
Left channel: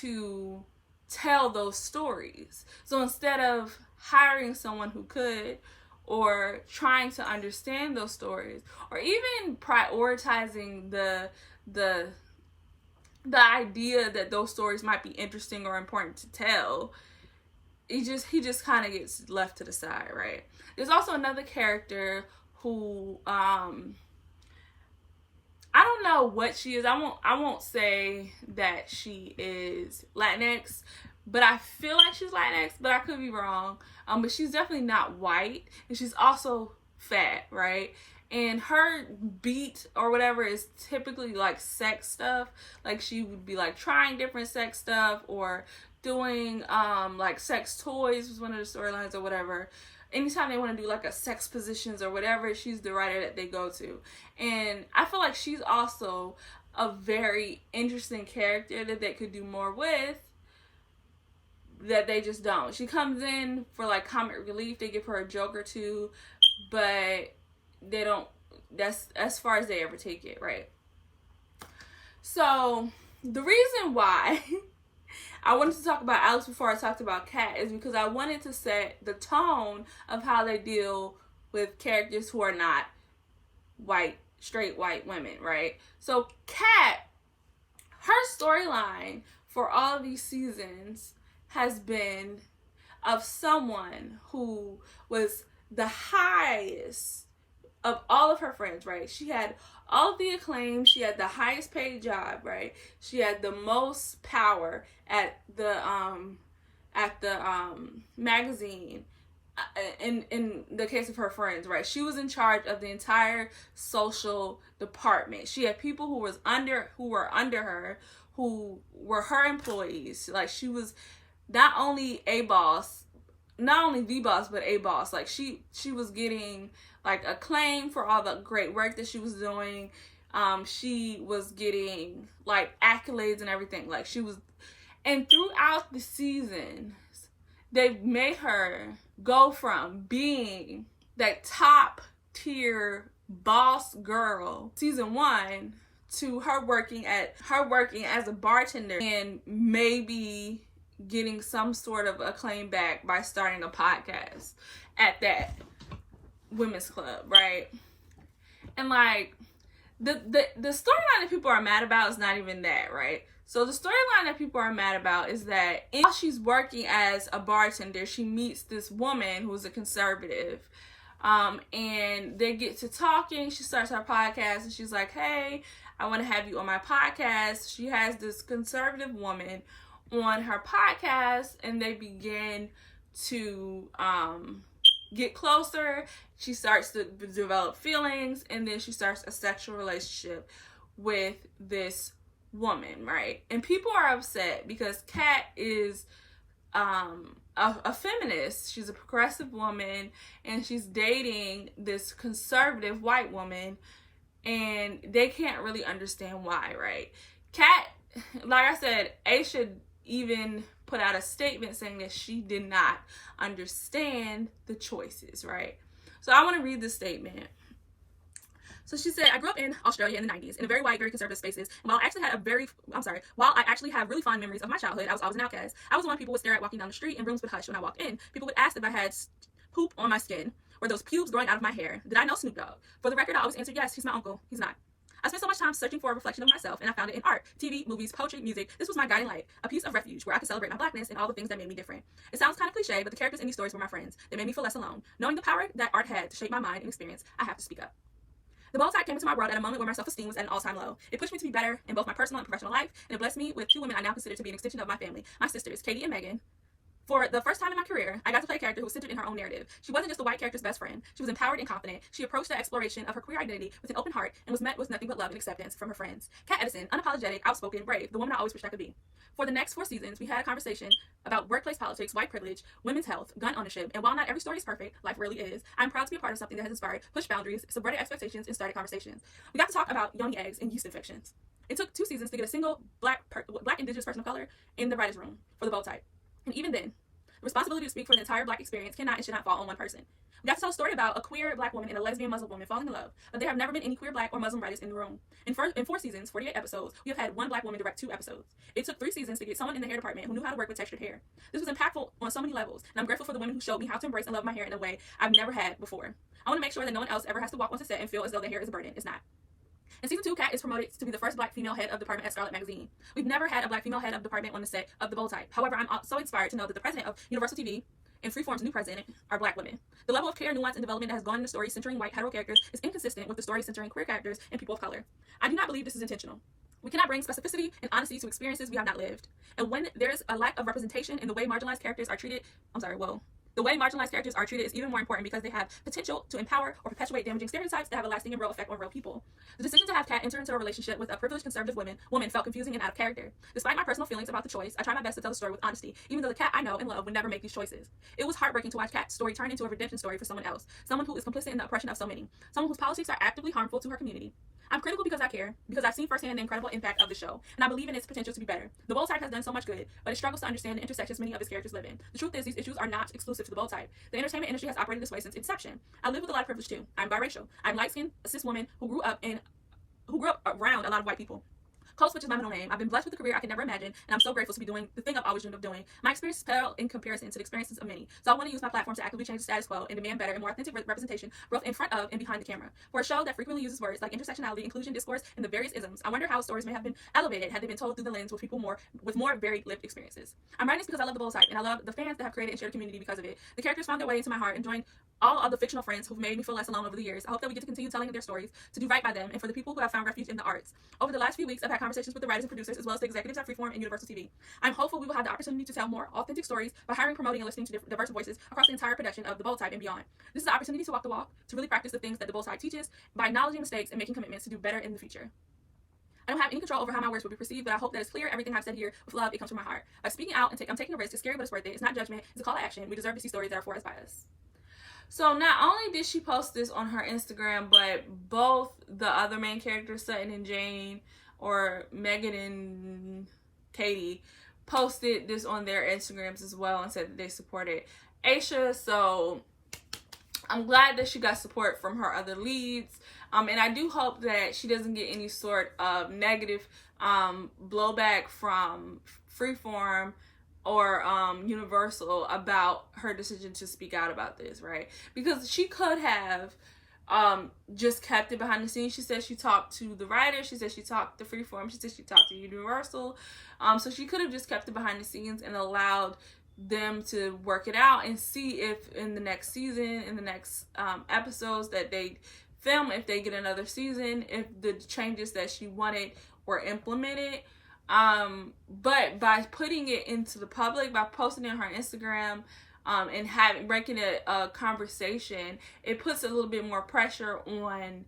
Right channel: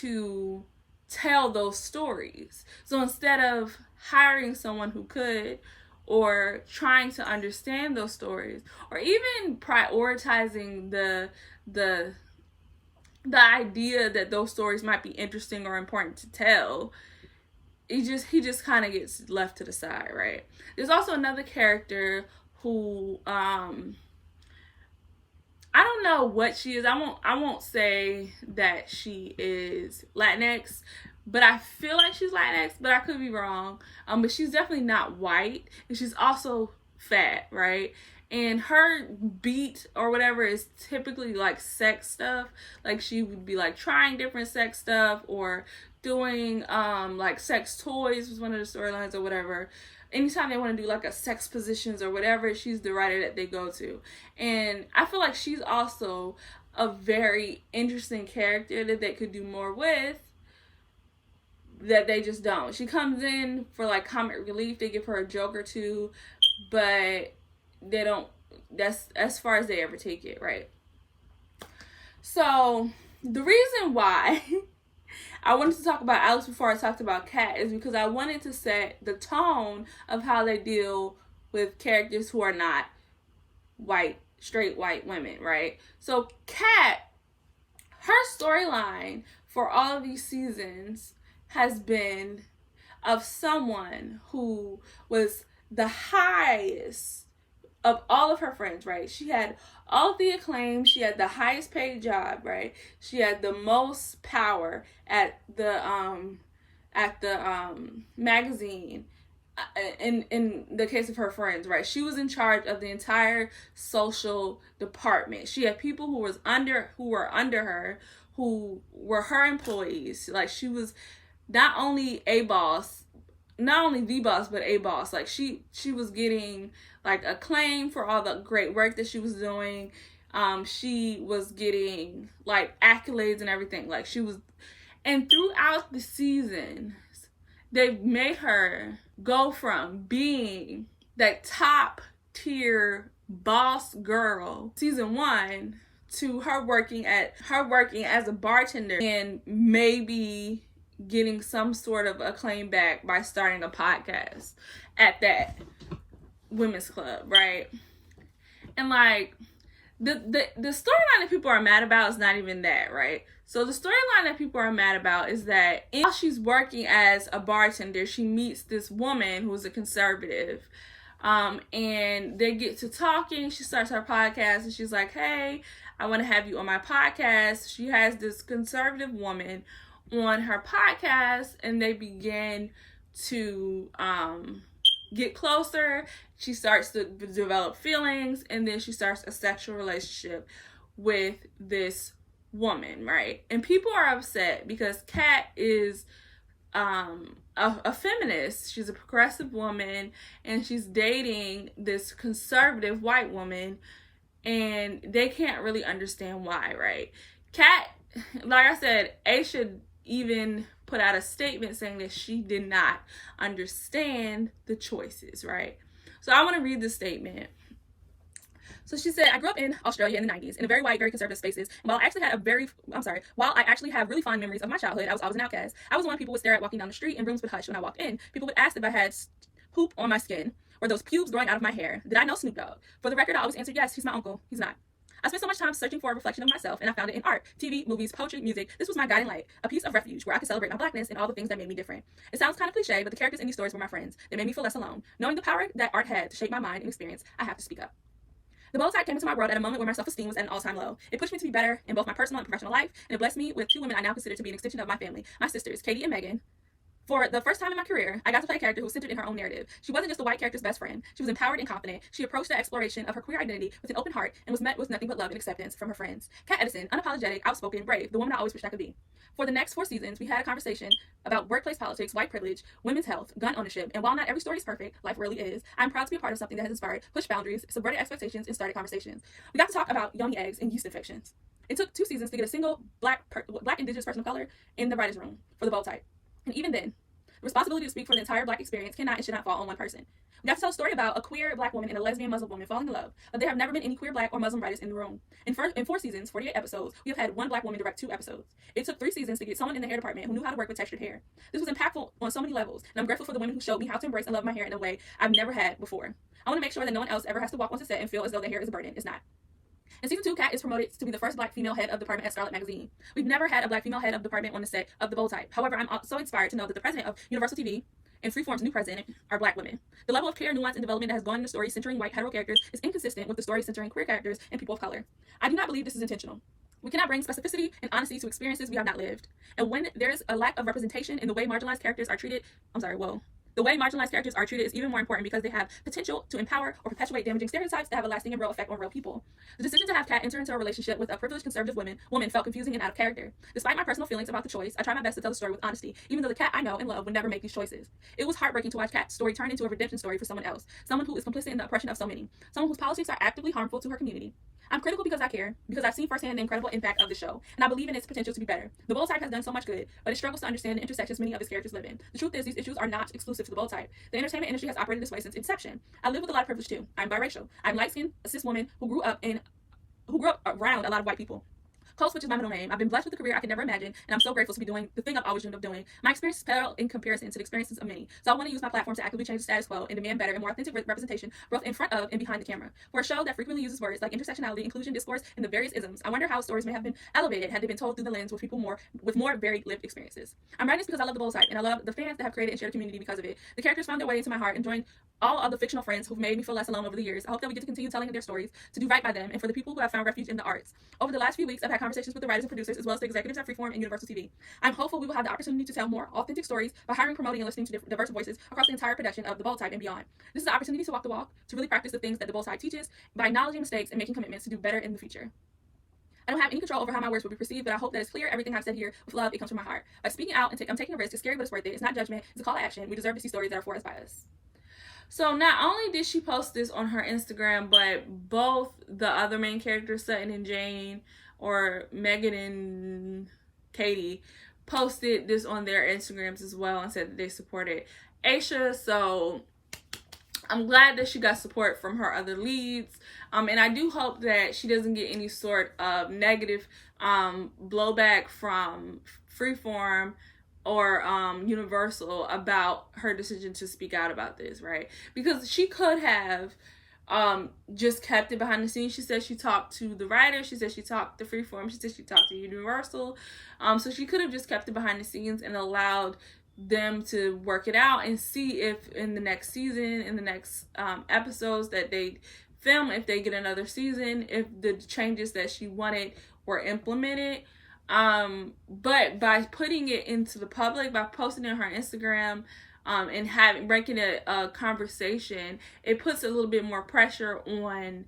to tell those stories. So instead of hiring someone who could, or trying to understand those stories, or even prioritizing the idea that those stories might be interesting or important to tell, he just kind of gets left to the side, right? There's also another character who I don't know what she is. I won't say that she is Latinx, but I feel like she's Latinx, but I could be wrong. But she's definitely not white, and she's also fat, right? And her beat or whatever is typically like sex stuff. Like, she would be like trying different sex stuff, or doing like sex toys was one of the storylines or whatever. Anytime they want to do like a sex positions or whatever, she's the writer that they go to. And I feel like she's also a very interesting character that they could do more with, that they just don't. She comes in for like comic relief. They give her a joke or two, but they don't, that's as far as they ever take it, right? So the reason why I wanted to talk about Alex before I talked about Kat is because I wanted to set the tone of how they deal with characters who are not straight white women, right? So Kat, her storyline for all of these seasons has been of someone who was the highest of all of her friends, right? She had all the acclaim, she had the highest paid job, right? She had the most power at the magazine. In the case of her friends, right? She was in charge of the entire social department. She had people who were under her, who were her employees. Like, she was not only the boss, but a boss. Like, she was getting like acclaim for all the great work that she was doing. She was getting like accolades and everything. Like, she was, and throughout the season, they made her go from being that top tier boss girl, season 1, to her working as a bartender and maybe getting some sort of acclaim back by starting a podcast at that women's club, right? And like the storyline that people are mad about is not even that, right? So the storyline that people are mad about is that while she's working as a bartender, she meets this woman who's a conservative, and they get to talking. She starts her podcast and she's like, hey, I want to have you on my podcast. She has this conservative woman on her podcast, and they begin to get closer. She starts to develop feelings, and then she starts a sexual relationship with this woman, right? And people are upset because Kat is a feminist. She's a progressive woman, and she's dating this conservative white woman, and they can't really understand why, right? Kat, like I said, A should even put out a statement saying that she did not understand the choices, right? So I want to read the statement. So she said, I grew up in Australia in the 90s in a very white, very conservative spaces. And while I actually have really fond memories of my childhood, I was always an outcast. I was the one people would stare at walking down the street, and rooms would hush when I walked in. People would ask if I had poop on my skin or those pubes growing out of my hair. Did I know Snoop Dogg? For the record, I always answered yes, he's my uncle. He's not. I spent so much time searching for a reflection of myself, and I found it in art, TV, movies, poetry, music. This was my guiding light, a piece of refuge where I could celebrate my blackness and all the things that made me different. It sounds kind of cliche, but the characters in these stories were my friends. They made me feel less alone. Knowing the power that art had to shape my mind and experience, I have to speak up. The bold side came into my world at a moment where my self-esteem was at an all-time low. It pushed me to be better in both my personal and professional life, and it blessed me with 2 women I now consider to be an extension of my family, my sisters, Katie and Megan. For the first time in my career, I got to play a character who was centered in her own narrative. She wasn't just the white character's best friend. She was empowered and confident. She approached the exploration of her queer identity with an open heart and was met with nothing but love and acceptance from her friends. Kat Edison, unapologetic, outspoken, brave, the woman I always wished I could be. For the next 4 seasons, we had a conversation about workplace politics, white privilege, women's health, gun ownership, and while not every story is perfect, life really is, I'm proud to be a part of something that has inspired, pushed boundaries, subverted expectations, and started conversations. We got to talk about yoni eggs and yeast infections. It took 2 seasons to get a single black indigenous person of color in the writer's room for the bold type. And even then, the responsibility to speak for the entire black experience cannot and should not fall on one person. We got to tell a story about a queer black woman and a lesbian Muslim woman falling in love, but there have never been any queer black or Muslim writers in the room. In 4 seasons, 48 episodes, we have had 1 black woman direct 2 episodes. It took 3 seasons to get someone in the hair department who knew how to work with textured hair. This was impactful on so many levels, and I'm grateful for the women who showed me how to embrace and love my hair in a way I've never had before. I want to make sure that no one else ever has to walk onto set and feel as though their hair is a burden. It's not. In season 2, Kat is promoted to be the first black female head of department at Scarlet Magazine. We've never had a black female head of department on the set of The Bold Type. However, I'm so inspired to know that the president of Universal TV and Freeform's new president are black women. The level of care, nuance, and development that has gone in the story centering white hetero characters is inconsistent with the story centering queer characters and people of color. I do not believe this is intentional. We cannot bring specificity and honesty to experiences we have not lived. And when there's a lack of representation in the way marginalized characters are treated, the way marginalized characters are treated is even more important because they have potential to empower or perpetuate damaging stereotypes that have a lasting and real effect on real people. The decision to have Kat enter into a relationship with a privileged conservative woman felt confusing and out of character. Despite my personal feelings about the choice, I try my best to tell the story with honesty, even though the Kat I know and love would never make these choices. It was heartbreaking to watch Kat's story turn into a redemption story for someone else, someone who is complicit in the oppression of so many, someone whose policies are actively harmful to her community. I'm critical because I care, because I've seen firsthand the incredible impact of the show, and I believe in its potential to be better. The bold type has done so much good, but it struggles to understand the intersections many of its characters live in. The truth is, these issues are not exclusive to the bold type. The entertainment industry has operated this way since inception. I live with a lot of privilege too. I'm biracial. I'm light-skinned, a cis woman who grew up around a lot of white people. Code Switch is my middle name. I've been blessed with a career I could never imagine, and I'm so grateful to be doing the thing I've always dreamed of doing. My experiences pale in comparison to the experiences of many, so I want to use my platform to actively change the status quo and demand better and more authentic representation, both in front of and behind the camera. For a show that frequently uses words like intersectionality, inclusion, discourse, and the various isms, I wonder how stories may have been elevated had they been told through the lens with people with more varied lived experiences. I'm writing this because I love the bold type, and I love the fans that have created and shared a community because of it. The characters found their way into my heart and joined all of the fictional friends who've made me feel less alone over the years. I hope that we get to continue telling their stories, to do right by them, and for the people who have found refuge in the arts. Over the last few weeks, I've had conversations with the writers and producers, as well as the executives at Freeform and Universal TV. I'm hopeful we will have the opportunity to tell more authentic stories by hiring, promoting, and listening to diverse voices across the entire production of The Bold Type and beyond. This is the opportunity to walk the walk, to really practice the things that The Bold Type teaches, by acknowledging mistakes and making commitments to do better in the future. I don't have any control over how my words will be perceived, but I hope that it's clear everything I've said here with love, it comes from my heart. By speaking out and I'm taking a risk, it's scary but it's worth it. It's not judgment, it's a call to action. We deserve to see stories that are for us by us. So not only did she post this on her Instagram, but both the other main characters, Sutton and Jane, or Megan and Katie, posted this on their Instagrams as well and said that they supported Aisha. So I'm glad that she got support from her other leads. And I do hope that she doesn't get any sort of negative blowback from Freeform or Universal about her decision to speak out about this, right? Because she could have just kept it behind the scenes. She said she talked to the writer. She said she talked to Freeform. She said she talked to Universal. So she could have just kept it behind the scenes and allowed them to work it out and see if in the next season, in the next episodes that they film, if they get another season, if the changes that she wanted were implemented. But by putting it into the public, by posting it on her Instagram, and breaking a conversation, it puts a little bit more pressure on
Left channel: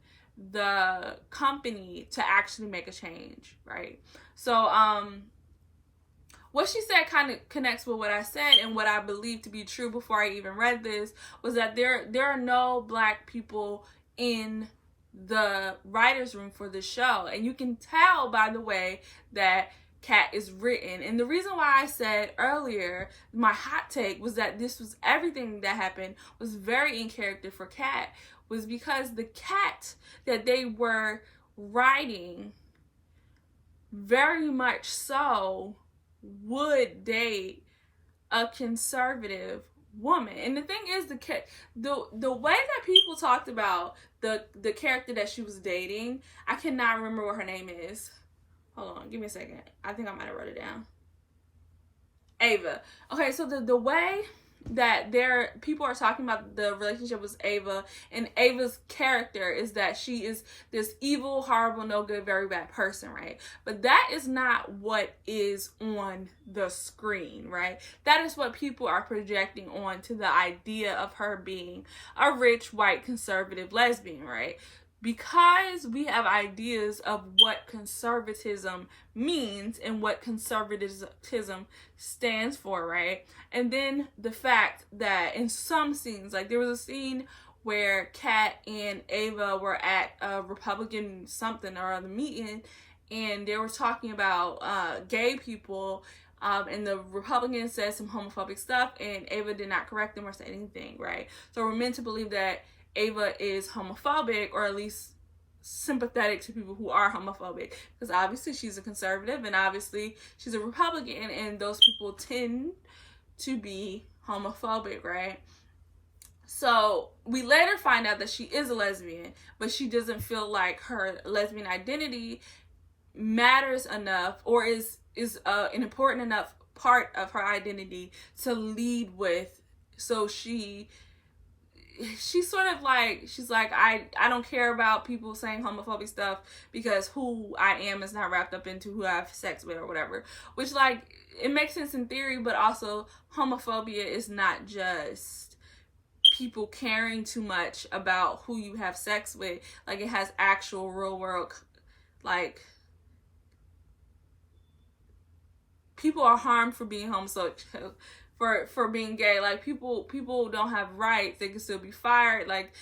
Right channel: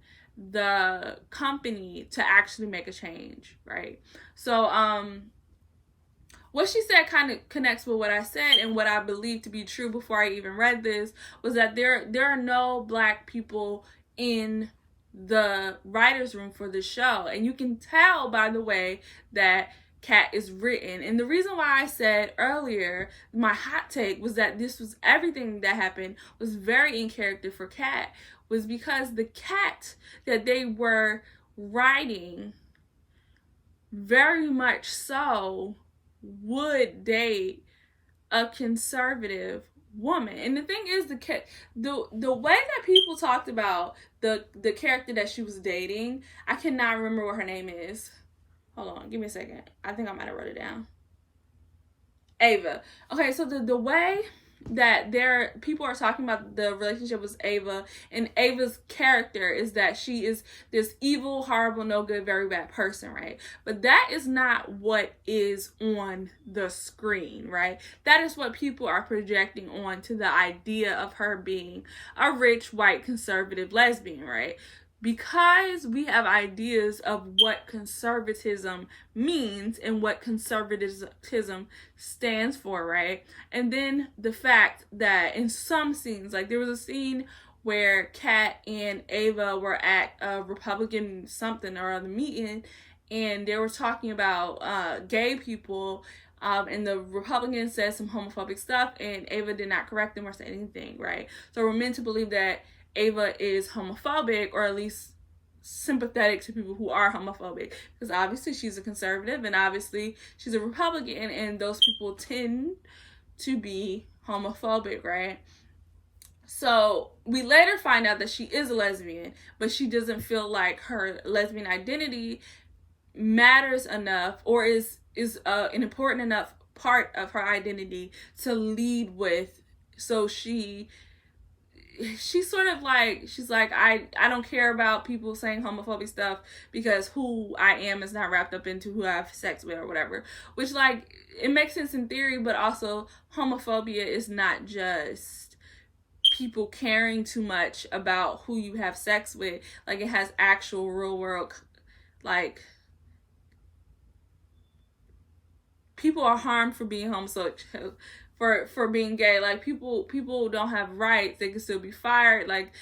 the company to actually make a change, right? So, what she said kind of connects with what I said and what I believe to be true before I even read this, was that there are no Black people in the writer's room for the show. And you can tell by the way that Kat is written. And the reason why I said earlier, my hot take was that this was everything that happened was very in character for Kat, was because the Kat that they were writing very much so would date a conservative woman. And the thing is, the way that people talked about the character that she was dating, I cannot remember what her name is. Hold on, give me a second. I think I might have wrote it down. Ava. Okay, so the way that people are talking about the relationship with Ava, and Ava's character is that she is this evil, horrible, no good, very bad person, right? But that is not what is on the screen, right? That is what people are projecting on to the idea of her being a rich, white, conservative lesbian, right? Because we have ideas of what conservatism means and what conservatism stands for, right? And then the fact that in some scenes, like there was a scene where Kat and Ava were at a Republican something or other meeting, and they were talking about gay people, and the Republican said some homophobic stuff, and Ava did not correct them or say anything, right? So we're meant to believe that Ava is homophobic, or at least sympathetic to people who are homophobic, because obviously she's a conservative and obviously she's a Republican, and those people tend to be homophobic, right? So we later find out that she is a lesbian, but she doesn't feel like her lesbian identity matters enough or is an important enough part of her identity to lead with. So she's sort of like, she's like, I don't care about people saying homophobic stuff because who I am is not wrapped up into who I have sex with or whatever. Which, like, it makes sense in theory, but also homophobia is not just people caring too much about who you have sex with. Like, it has actual real world, like, people are harmed for being homosexual. For being gay. Like, people don't have rights. They can still be fired. Like,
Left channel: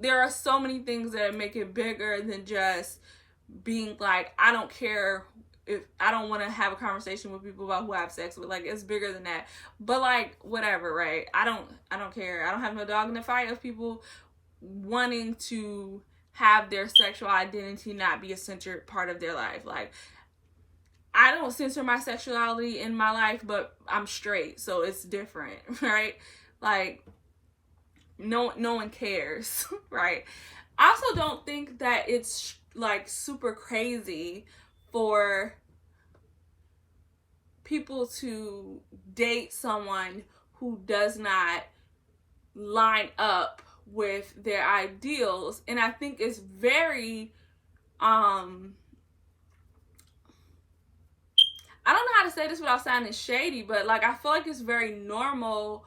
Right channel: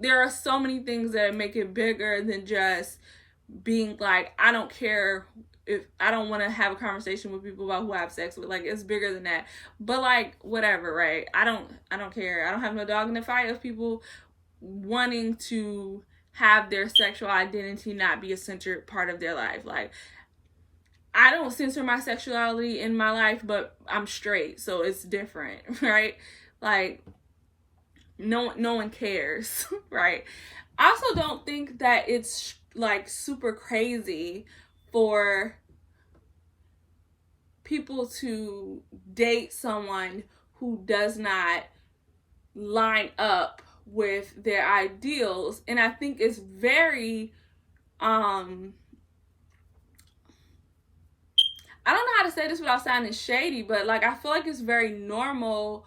there are so many things that make it bigger than just being like, I don't care if I don't want to have a conversation with people about who I have sex with. Like, it's bigger than that. But like, whatever, right? I don't care. I don't have no dog in the fight of people wanting to have their sexual identity not be a centered part of their life. Like, I don't censor my sexuality in my life, but I'm straight, so it's different, right? Like, no one cares, right? I also don't think that it's like super crazy for people to date someone who does not line up with their ideals. And I think it's very I don't know how to say this without sounding shady, but like, I feel like it's very normal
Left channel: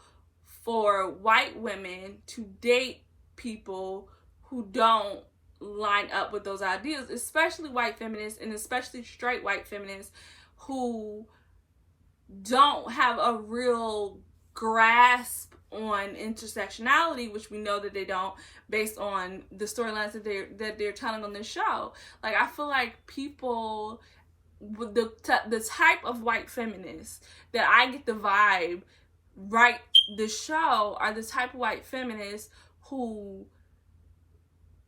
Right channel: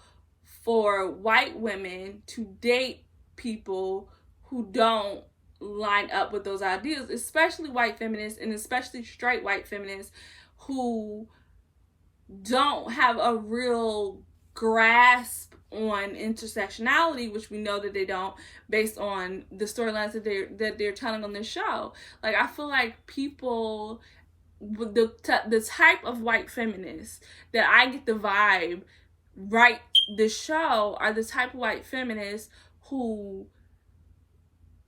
for white women to date people who don't line up with those ideals, especially white feminists, and especially straight white feminists who don't have a real grasp on intersectionality, which we know that they don't, based on the storylines that they're telling on this show. Like, I feel like people, the type of white feminists that I get the vibe write this show are the type of white feminists who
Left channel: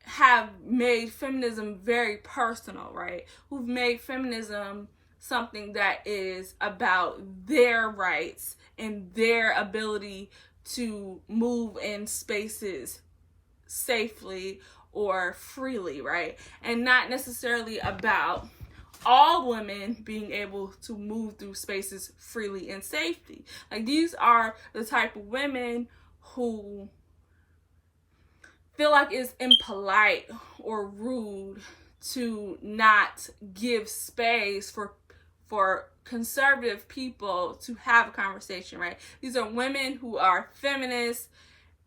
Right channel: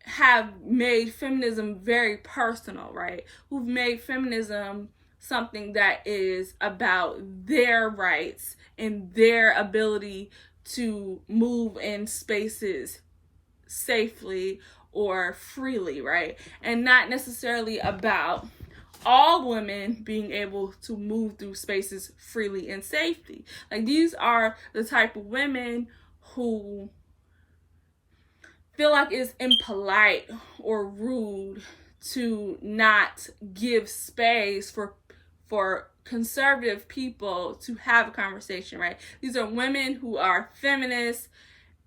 have made feminism very personal, right? Who've made feminism something that is about their rights and their ability to move in spaces safely or freely, right? And not necessarily about all women being able to move through spaces freely and safely. Like, these are the type of women who feel like it's impolite or rude to not give space for conservative people to have a conversation, right? These are women who are feminists,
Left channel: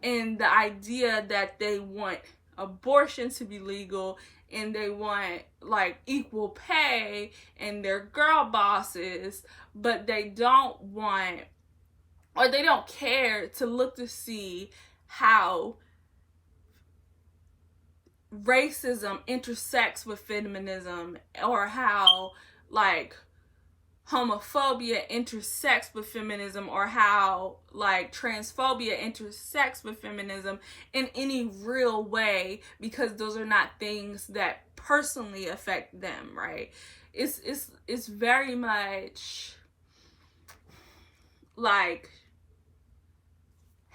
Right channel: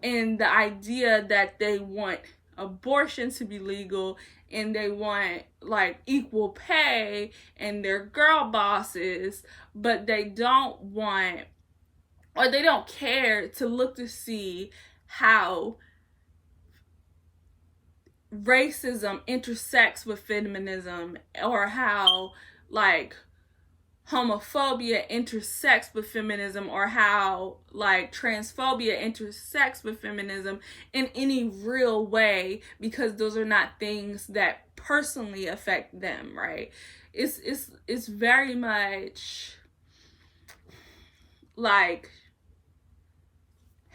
and the idea that they want abortion to be legal, and they want like equal pay, and they're girl bosses, but they don't want, or they don't care to look to see how racism intersects with feminism, or how like homophobia intersects with feminism, or how like transphobia intersects with feminism in any real way, because those are not things that personally affect them, right? It's very much like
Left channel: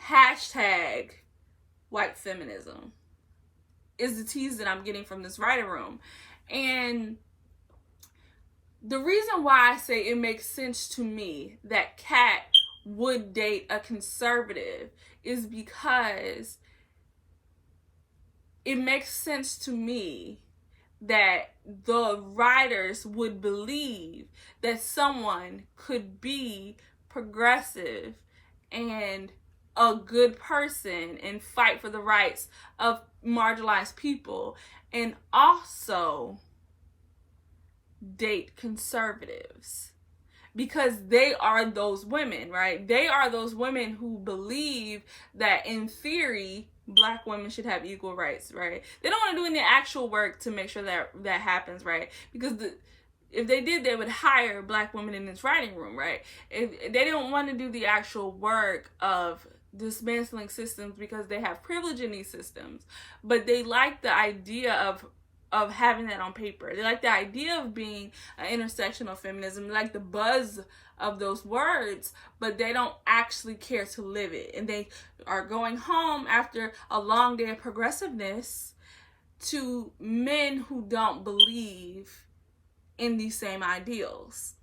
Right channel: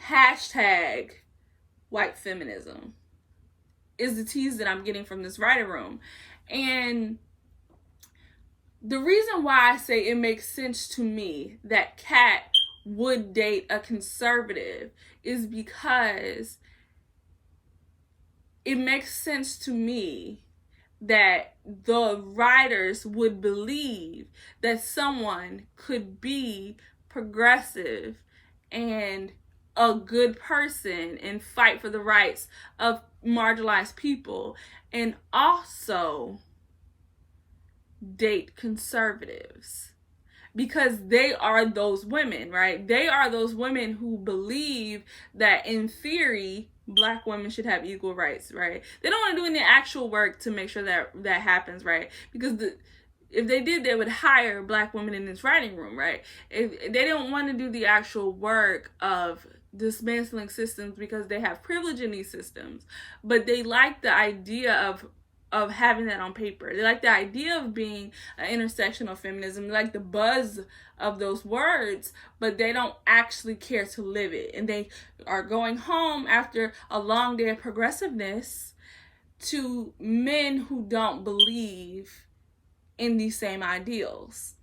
hashtag white feminism is the tease that I'm getting from this writer room. And the reason why I say it makes sense to me that Kat would date a conservative is because it makes sense to me that the writers would believe that someone could be progressive and a good person and fight for the rights of marginalized people and also date conservatives, because they are those women, right? They are those women who believe that in theory Black women should have equal rights, right? They don't want to do any actual work to make sure that happens, right? Because if they did, they would hire Black women in this writing room, right? If they don't want to do the actual work of dismantling systems because they have privilege in these systems, but they like the idea of having that on paper. They like the idea of being an intersectional feminism. They like the buzz of those words, but they don't actually care to live it. And they are going home after a long day of progressiveness to men who don't believe in these same ideals.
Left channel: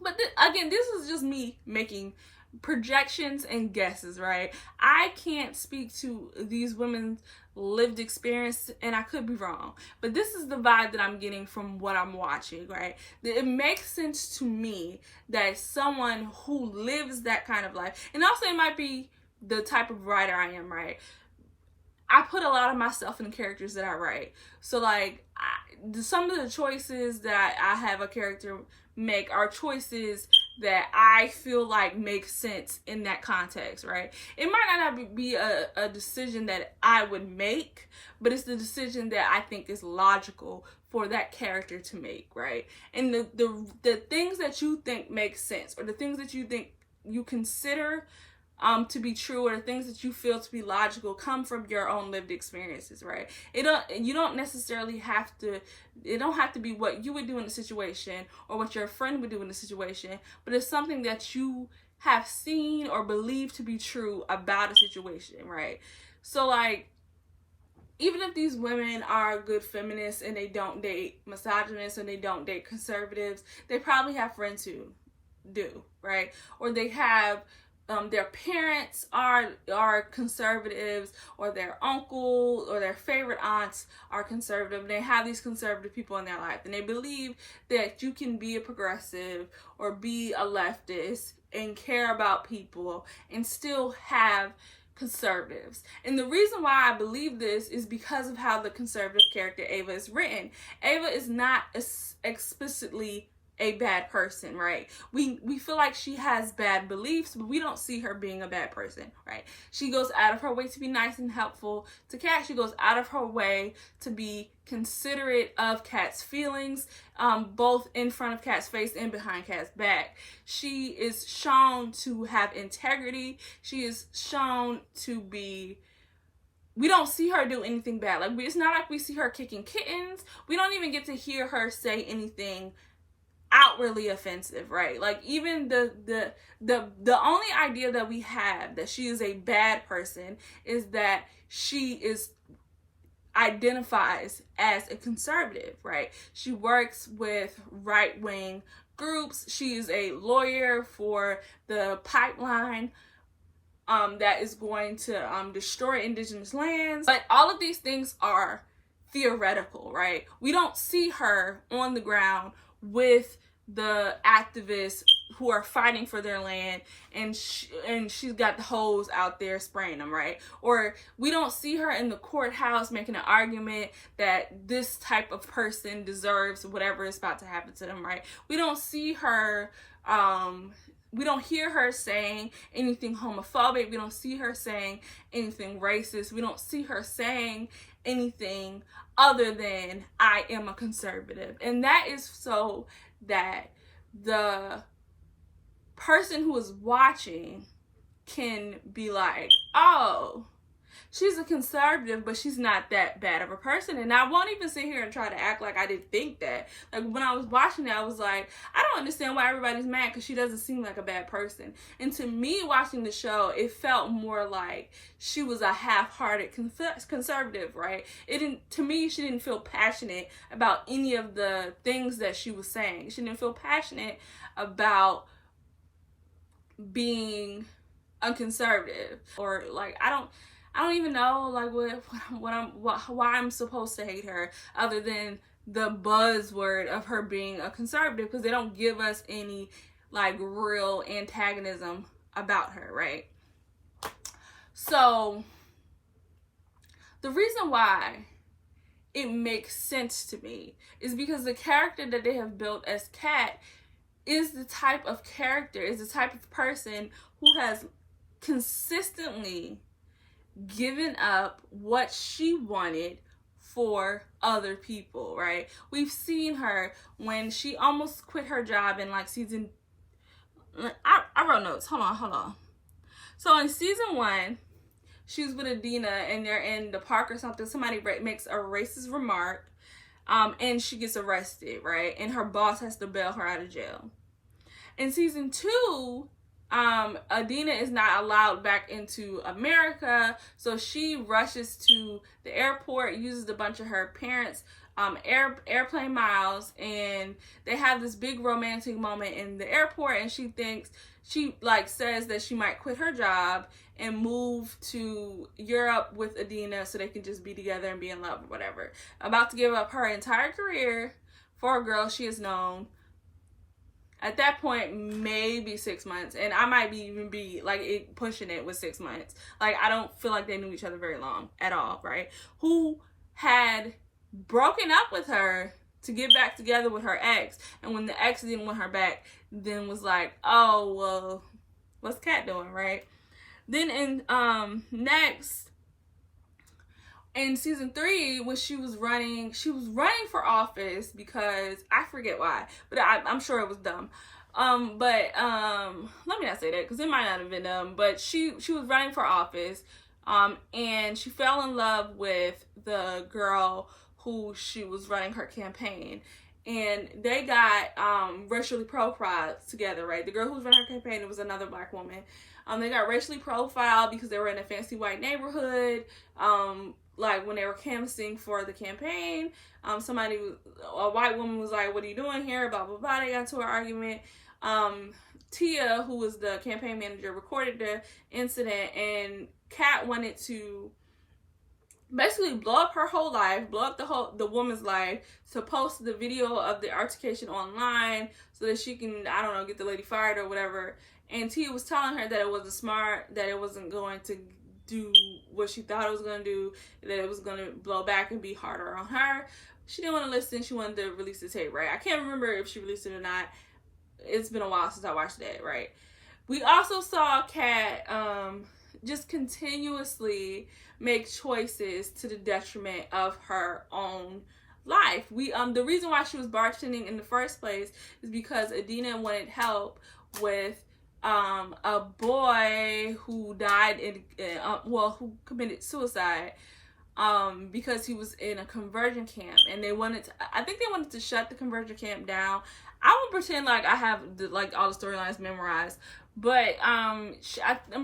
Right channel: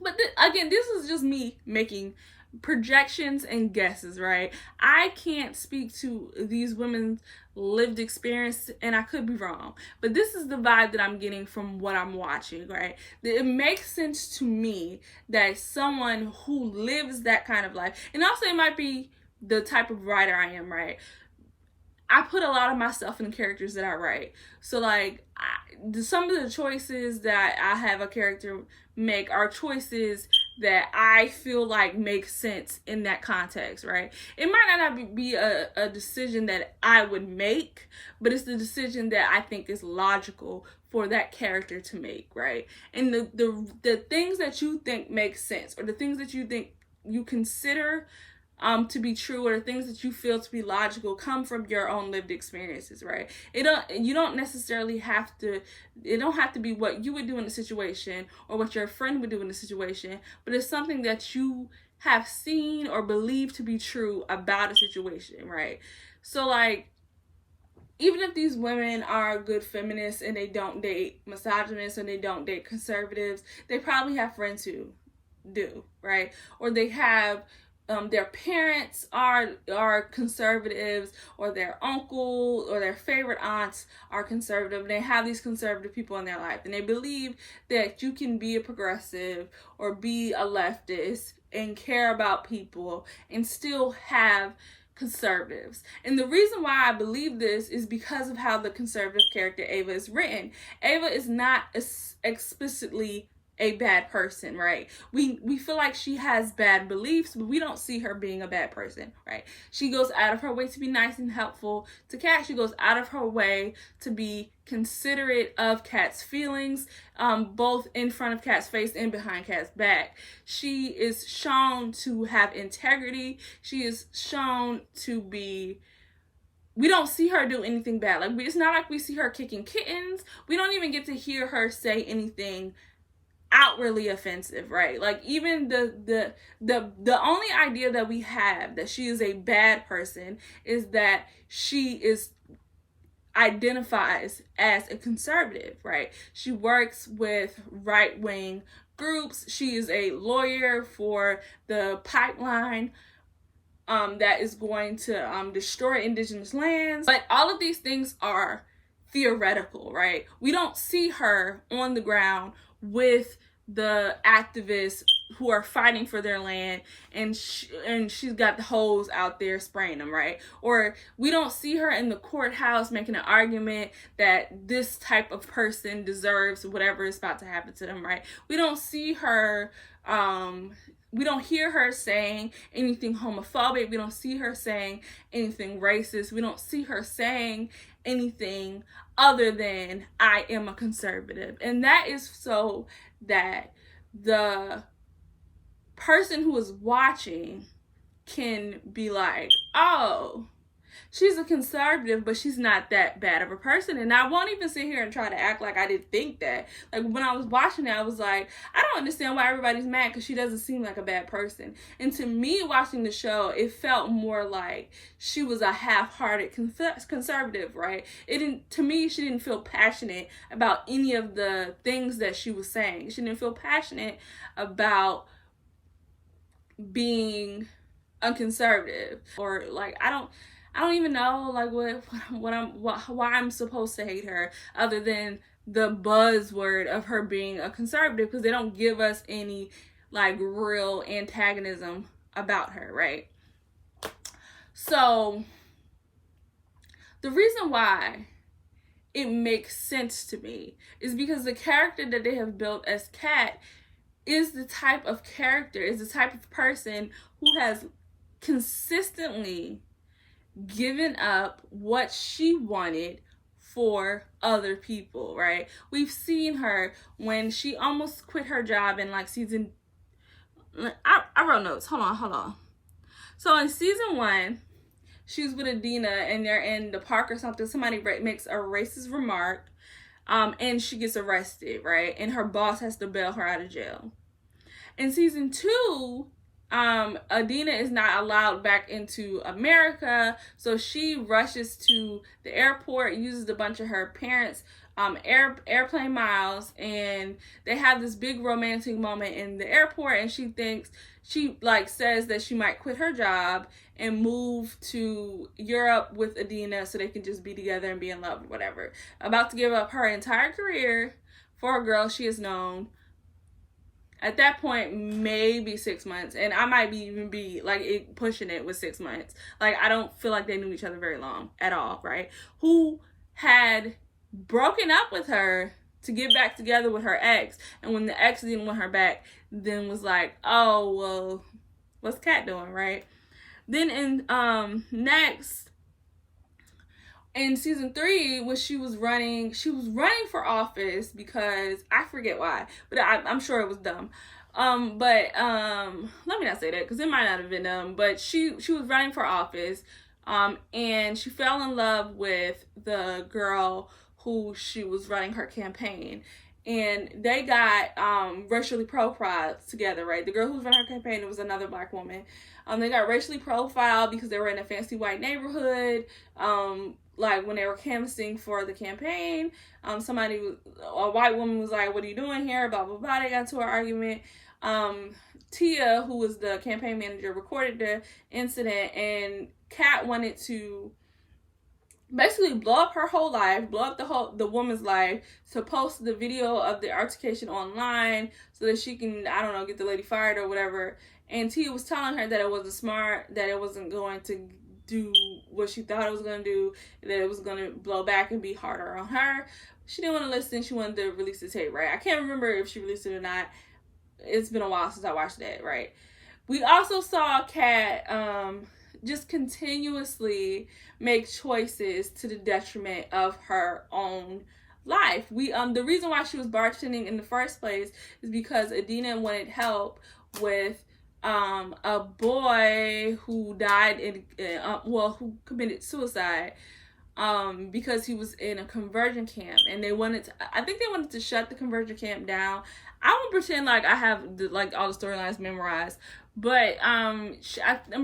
But again, this is just me making projections and guesses, right? I can't speak to these women's lived experience, and I could be wrong, but this is the vibe that I'm getting from what I'm watching, right? It makes sense to me that someone who lives that kind of life, and also it might be the type of writer I am, right? I put a lot of myself in the characters that I write. So like some of the choices that I have a character make are choices that I feel like makes sense in that context, right? It might not be a decision that I would make, but it's the decision that I think is logical for that character to make, right? And the things that you think make sense, or the things that you think you consider to be true, or the things that you feel to be logical, come from your own lived experiences, right? It don't have to be what you would do in a situation or what your friend would do in a situation, but it's something that you have seen or believe to be true about a situation, right? So like, even if these women are good feminists and they don't date misogynists and they don't date conservatives, they probably have friends who do, right? Or they have their parents are conservatives, or their uncle or their favorite aunts are conservative, and they have these conservative people in their life, and they believe that you can be a progressive or be a leftist and care about people and still have conservatives. And the reason why I believe this is because of how the conservative character Ava is written. Ava is not explicitly a bad person, right? We feel like she has bad beliefs, but we don't see her being a bad person, right? She goes out of her way to be nice and helpful to Kat. She goes out of her way to be considerate of Kat's feelings, both in front of Kat's face and behind Kat's back. She is shown to have integrity. She is shown to be... We don't see her do anything bad. Like, it's not like we see her kicking kittens. We don't even get to hear her say anything outwardly offensive, right? Like, even the only idea that we have that she is a bad person is that she identifies as a conservative, right? She works with right-wing groups. She is a lawyer for the pipeline that is going to destroy indigenous lands. But all of these things are theoretical, right? We don't see her on the ground with the activists who are fighting for their land, and she's got the hose out there spraying them, right? Or we don't see her in the courthouse making an argument that this type of person deserves whatever is about to happen to them, right? We don't see her, we don't hear her saying anything homophobic. We don't see her saying anything racist. We don't see her saying anything other than, I am a conservative. And that is so that the person who is watching can be like, oh, she's a conservative, but she's not that bad of a person. And I won't even sit here and try to act like I didn't think that. Like, when I was watching that, I was like, I don't understand why everybody's mad, because she doesn't seem like a bad person. And to me, watching the show, it felt more like she was a half-hearted conservative, right? To me, she didn't feel passionate about any of the things that she was saying. She didn't feel passionate about being a conservative, or like, I don't even know like why I'm supposed to hate her, other than the buzzword of her being a conservative, because they don't give us any like real antagonism about her, right? So the reason why it makes sense to me is because the character that they have built as Kat is the type of character, is the type of person who has consistently given up what she wanted for other people, right? We've seen her when she almost quit her job in like season... I wrote notes. Hold on. So in season 1, she was with Adina and they're in the park or something. Somebody makes a racist remark, and she gets arrested, right? And her boss has to bail her out of jail. In season 2, Adina is not allowed back into America, so she rushes to the airport, uses a bunch of her parents' airplane miles, and they have this big romantic moment in the airport, and she says that she might quit her job and move to Europe with Adina so they can just be together and be in love or whatever. About to give up her entire career for a girl she has known, at that point, maybe 6 months. And I might even be like pushing it with 6 months. Like, I don't feel like they knew each other very long at all, right? Who had broken up with her to get back together with her ex. And when the ex didn't want her back, then was like, oh, well, what's Kat doing, right? Then next, in season 3, when she was running for office because I forget why, but I'm sure it was dumb. Let me not say that because it might not have been dumb, but she was running for office, and she fell in love with the girl who she was running her campaign, and they got racially profiled together, right? The girl who was running her campaign, it was another black woman. They got racially profiled because they were in a fancy white neighborhood. Like when they were canvassing for the campaign, a white woman was like, what are you doing here? Blah, blah, blah. They got into an argument. Tia, who was the campaign manager, recorded the incident, and Kat wanted to basically blow up her whole life, blow up the woman's life, to post the video of the altercation online so that she can, I don't know, get the lady fired or whatever. And Tia was telling her that it wasn't smart, that it wasn't going to do what she thought it was going to do, that it was going to blow back and be harder on her. She didn't want to listen. She wanted to release the tape, right? I can't remember if she released it or not. It's been a while since I watched that, right? We also saw Kat just continuously make choices to the detriment of her own life. The reason why she was bartending in the first place is because Adina wanted help with a boy who died who committed suicide because he was in a conversion camp, and I think they wanted to shut the conversion camp down. I won't pretend like I have all the storylines memorized, but I'm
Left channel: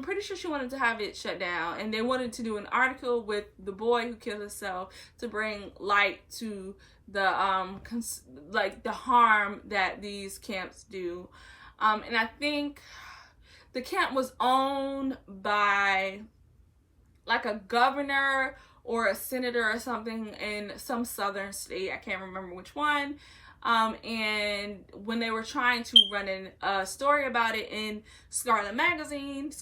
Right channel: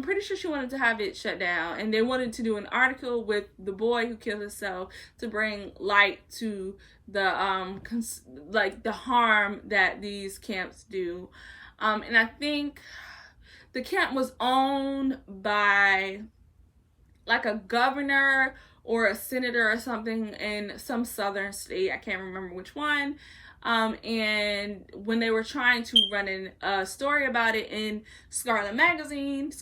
pretty sure she wanted to have it shut down, and they wanted to do an article with the boy who killed himself to bring light to the the harm that these camps do. And I think the camp was owned by like a governor or a senator or something in some southern state. I can't remember which one. And when they were trying to run a story about it in Scarlet Magazine,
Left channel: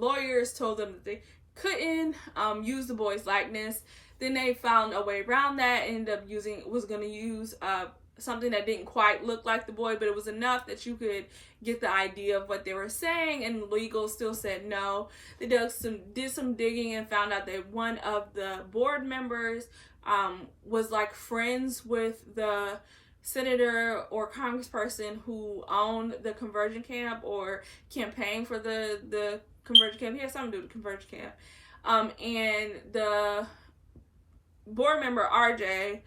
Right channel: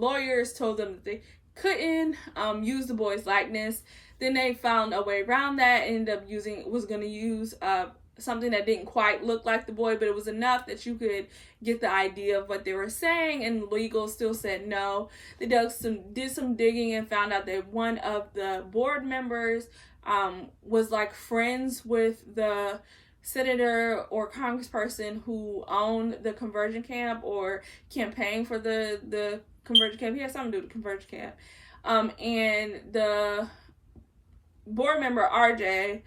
lawyers told them that they couldn't use the boy's likeness. Then they found a way around that and ended up was going to use something that didn't quite look like the boy, but it was enough that you could get the idea of what they were saying, and legal still said no. They did some digging and found out that one of the board members was like friends with the senator or congressperson who owned the conversion camp or campaigned for the conversion camp. He had something to do with the conversion camp. And the board member, RJ,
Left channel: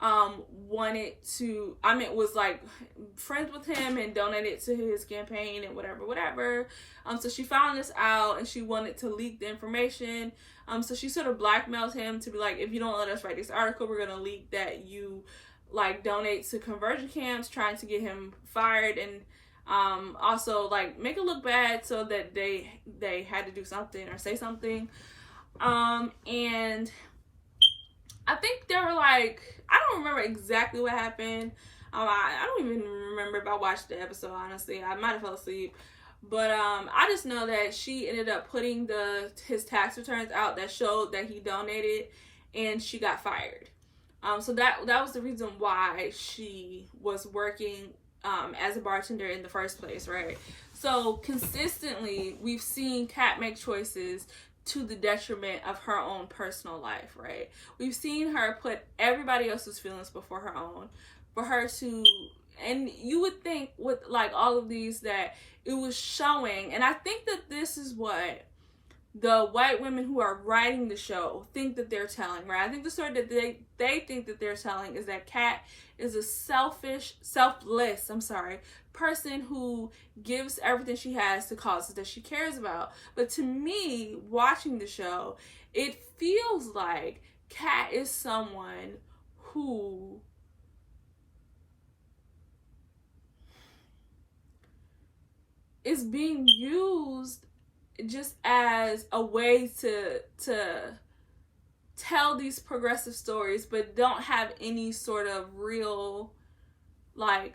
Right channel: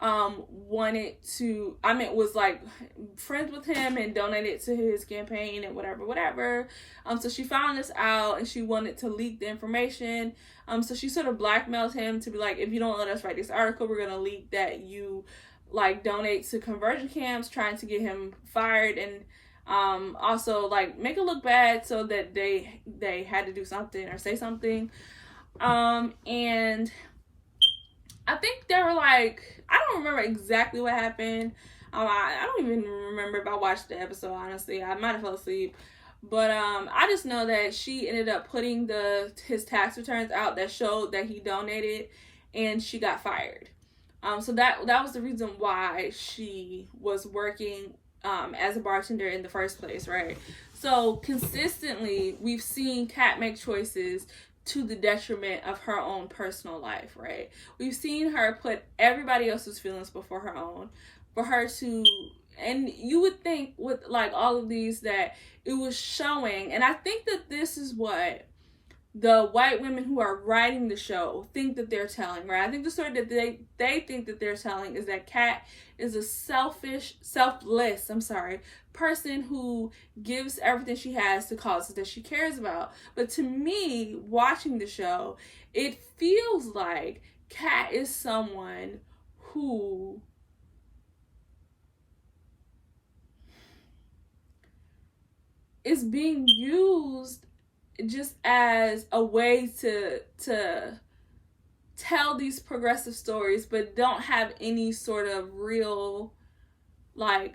was like friends with him and donated to his campaign and whatever. So she found this out and she wanted to leak the information. So she sort of blackmailed him to be like, if you don't let us write this article, we're going to leak that you like donate to conversion camps, trying to get him fired, and also like make it look bad so that they had to do something or say something. And I think they were like, I don't remember exactly what happened. I don't even remember if I watched the episode, honestly. I might have fell asleep. But I just know that she ended up putting his tax returns out that showed that he donated, and she got fired. So that was the reason why she was working as a bartender in the first place, right? So consistently, we've seen Kat make choices to the detriment of her own personal life, right? We've seen her put everybody else's feelings before her own, for her to, and you would think with like all of these that it was showing, and I think that this is what the white women who are writing the show think that they're telling, right? I think the story that they think that they're telling is that Kat is a selfless person who gives everything she has to causes that she cares about. But to me, watching the show, it feels like Kat is someone who is being used just as a way to tell these progressive stories, but don't have any sort of real like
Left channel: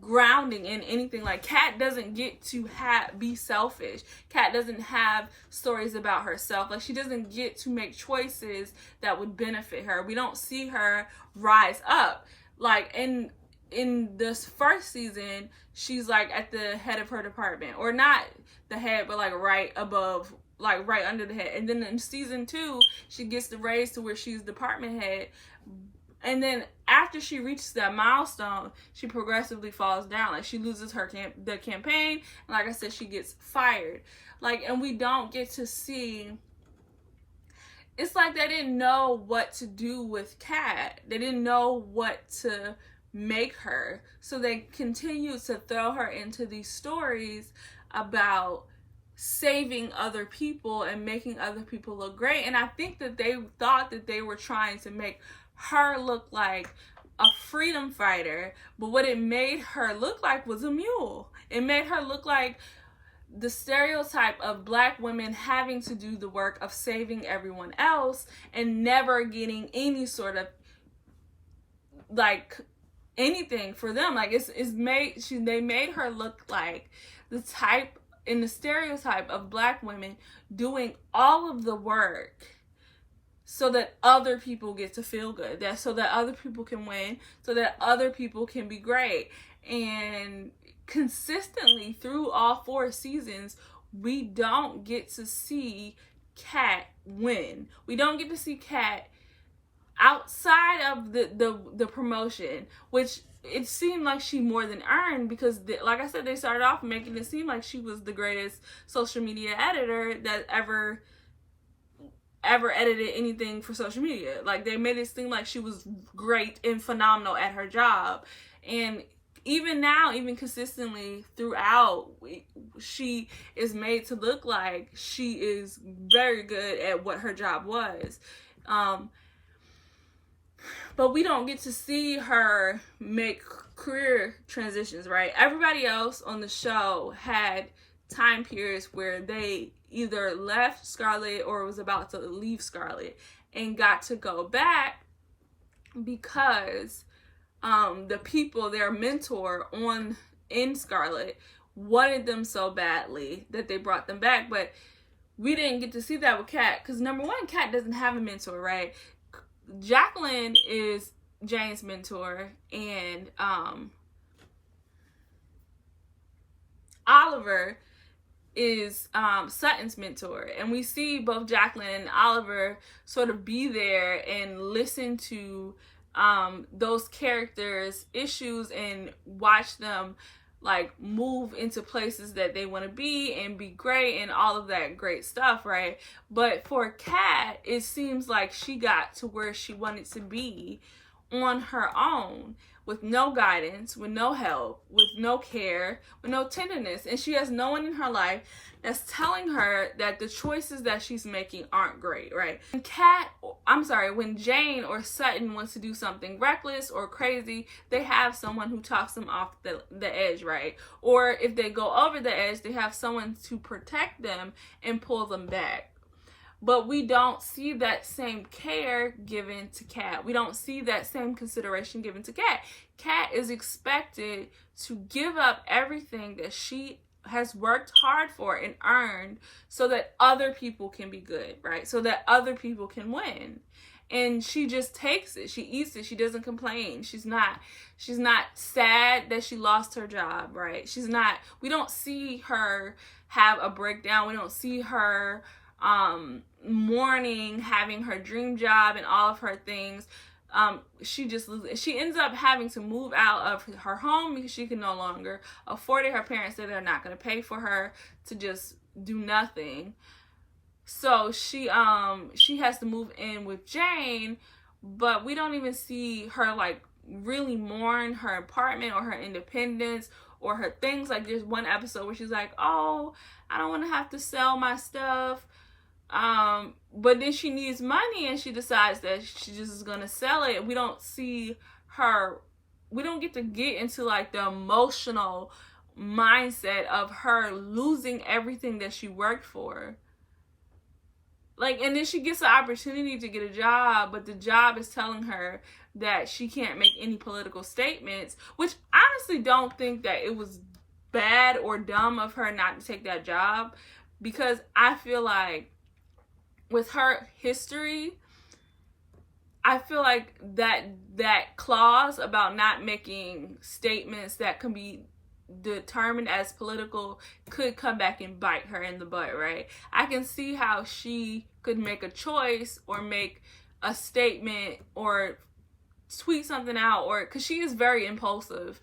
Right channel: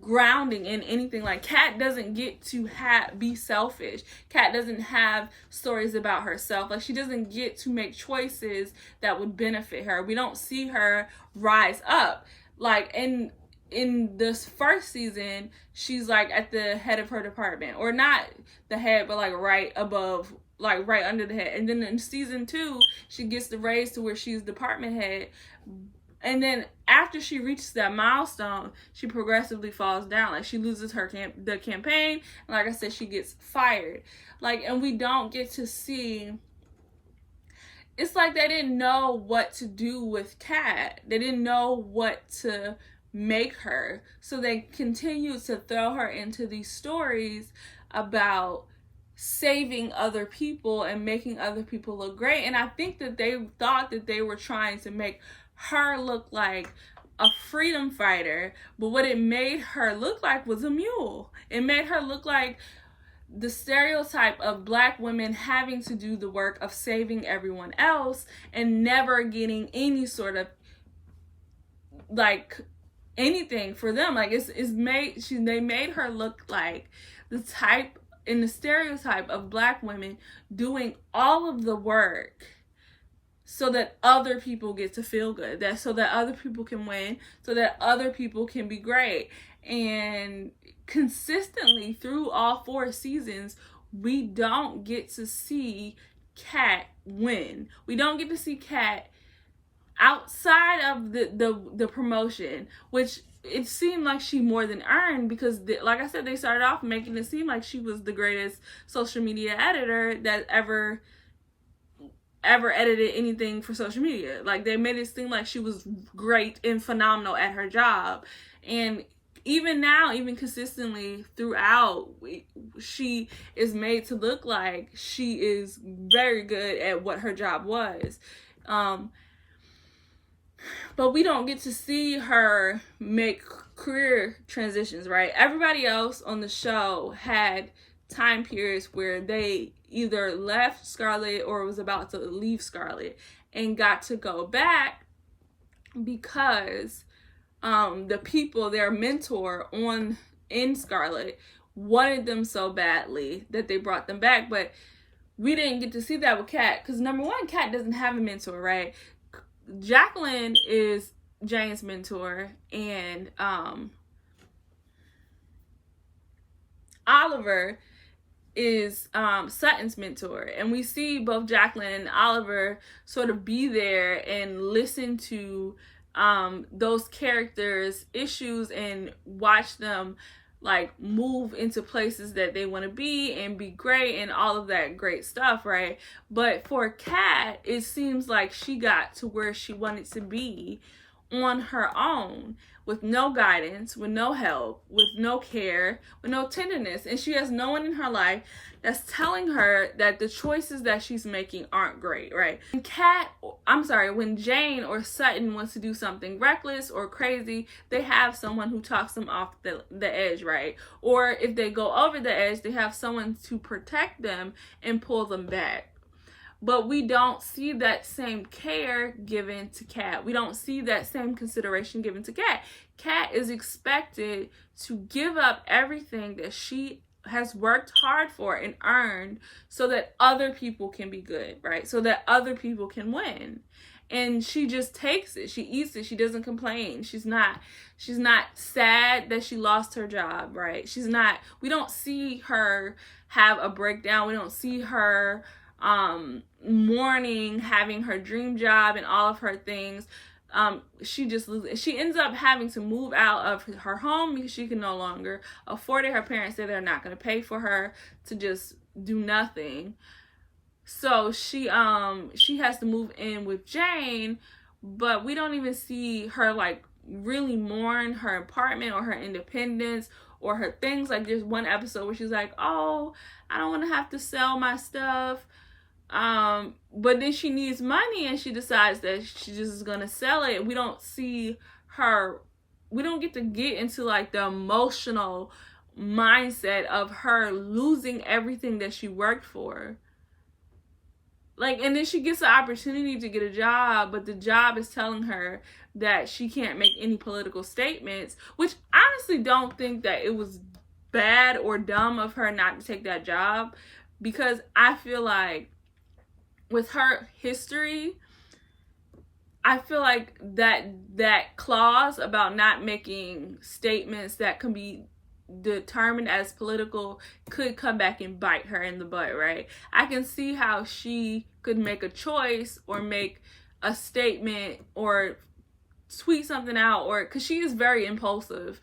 grounding in anything. Like Kat doesn't get to be selfish. Kat doesn't have stories about herself. Like she doesn't get to make choices that would benefit her. We don't see her rise up. like in this first season, she's like at the head of her department, or not the head, but like right above, like right under the head. And then in season 2, she gets the raise to where she's department head. And then after she reaches that milestone, she progressively falls down. Like, she loses the campaign, and like I said, she gets fired. Like, and we don't get to see. It's like they didn't know what to do with Kat. They didn't know what to make her, so they continued to throw her into these stories about saving other people and making other people look great. And I think that they thought that they were trying to make her look like a freedom fighter, but what it made her look like was a mule. It made her look like the stereotype of Black women having to do the work of saving everyone else and never getting any sort of like anything for them. Like, they made her look like the type in the stereotype of Black women doing all of the work so that other people get to feel good, so that other people can win, so that other people can be great. And consistently through all 4 seasons, we don't get to see Kat win. We don't get to see Kat outside of the promotion, which it seemed like she more than earned, because like I said, they started off making it seem like she was the greatest social media editor that ever edited anything for social media. Like, they made it seem like she was great and phenomenal at her job. And even now, even consistently throughout, she is made to look like she is very good at what her job was. But we don't get to see her make career transitions, right? Everybody else on the show had time periods where they either left Scarlet or was about to leave Scarlet and got to go back because the people, their mentor in Scarlet, wanted them so badly that they brought them back. But we didn't get to see that with Kat, because number one, Kat doesn't have a mentor, right? Jacqueline is Jane's mentor, and Oliver is Sutton's mentor. And we see both Jacqueline and Oliver sort of be there and listen to those characters' issues and watch them like move into places that they want to be and be great and all of that great stuff, right? But for Kat, it seems like she got to where she wanted to be on her own, with no guidance, with no help, with no care, with no tenderness. And she has no one in her life that's telling her that the choices that she's making aren't great, right? When Jane or Sutton wants to do something reckless or crazy, they have someone who talks them off the edge, right? Or if they go over the edge, they have someone to protect them and pull them back. But we don't see that same care given to Kat. We don't see that same consideration given to Kat. Kat is expected to give up everything that she has worked hard for and earned so that other people can be good, right? So that other people can win. And she just takes it. She eats it. She doesn't complain. She's not sad that she lost her job, right? We don't see her have a breakdown. We don't see her mourning having her dream job and all of her things. She ends up having to move out of her home because she can no longer afford it. Her parents say they're not going to pay for her to just do nothing. So she has to move in with Jane, but we don't even see her like really mourn her apartment or her independence or her things. Like, there's one episode where she's like, oh, I don't want to have to sell my stuff. But then she needs money and she decides that she just is gonna sell it. We don't get to get into like the emotional mindset of her losing everything that she worked for. Like, and then she gets the opportunity to get a job, but the job is telling her that she can't make any political statements, which I honestly don't think that it was bad or dumb of her not to take that job, because I feel like with her history, I feel like that clause about not making statements that can be determined as political could come back and bite her in the butt, right? I can see how she could make a choice or make a statement or tweet something out, or because she is very impulsive,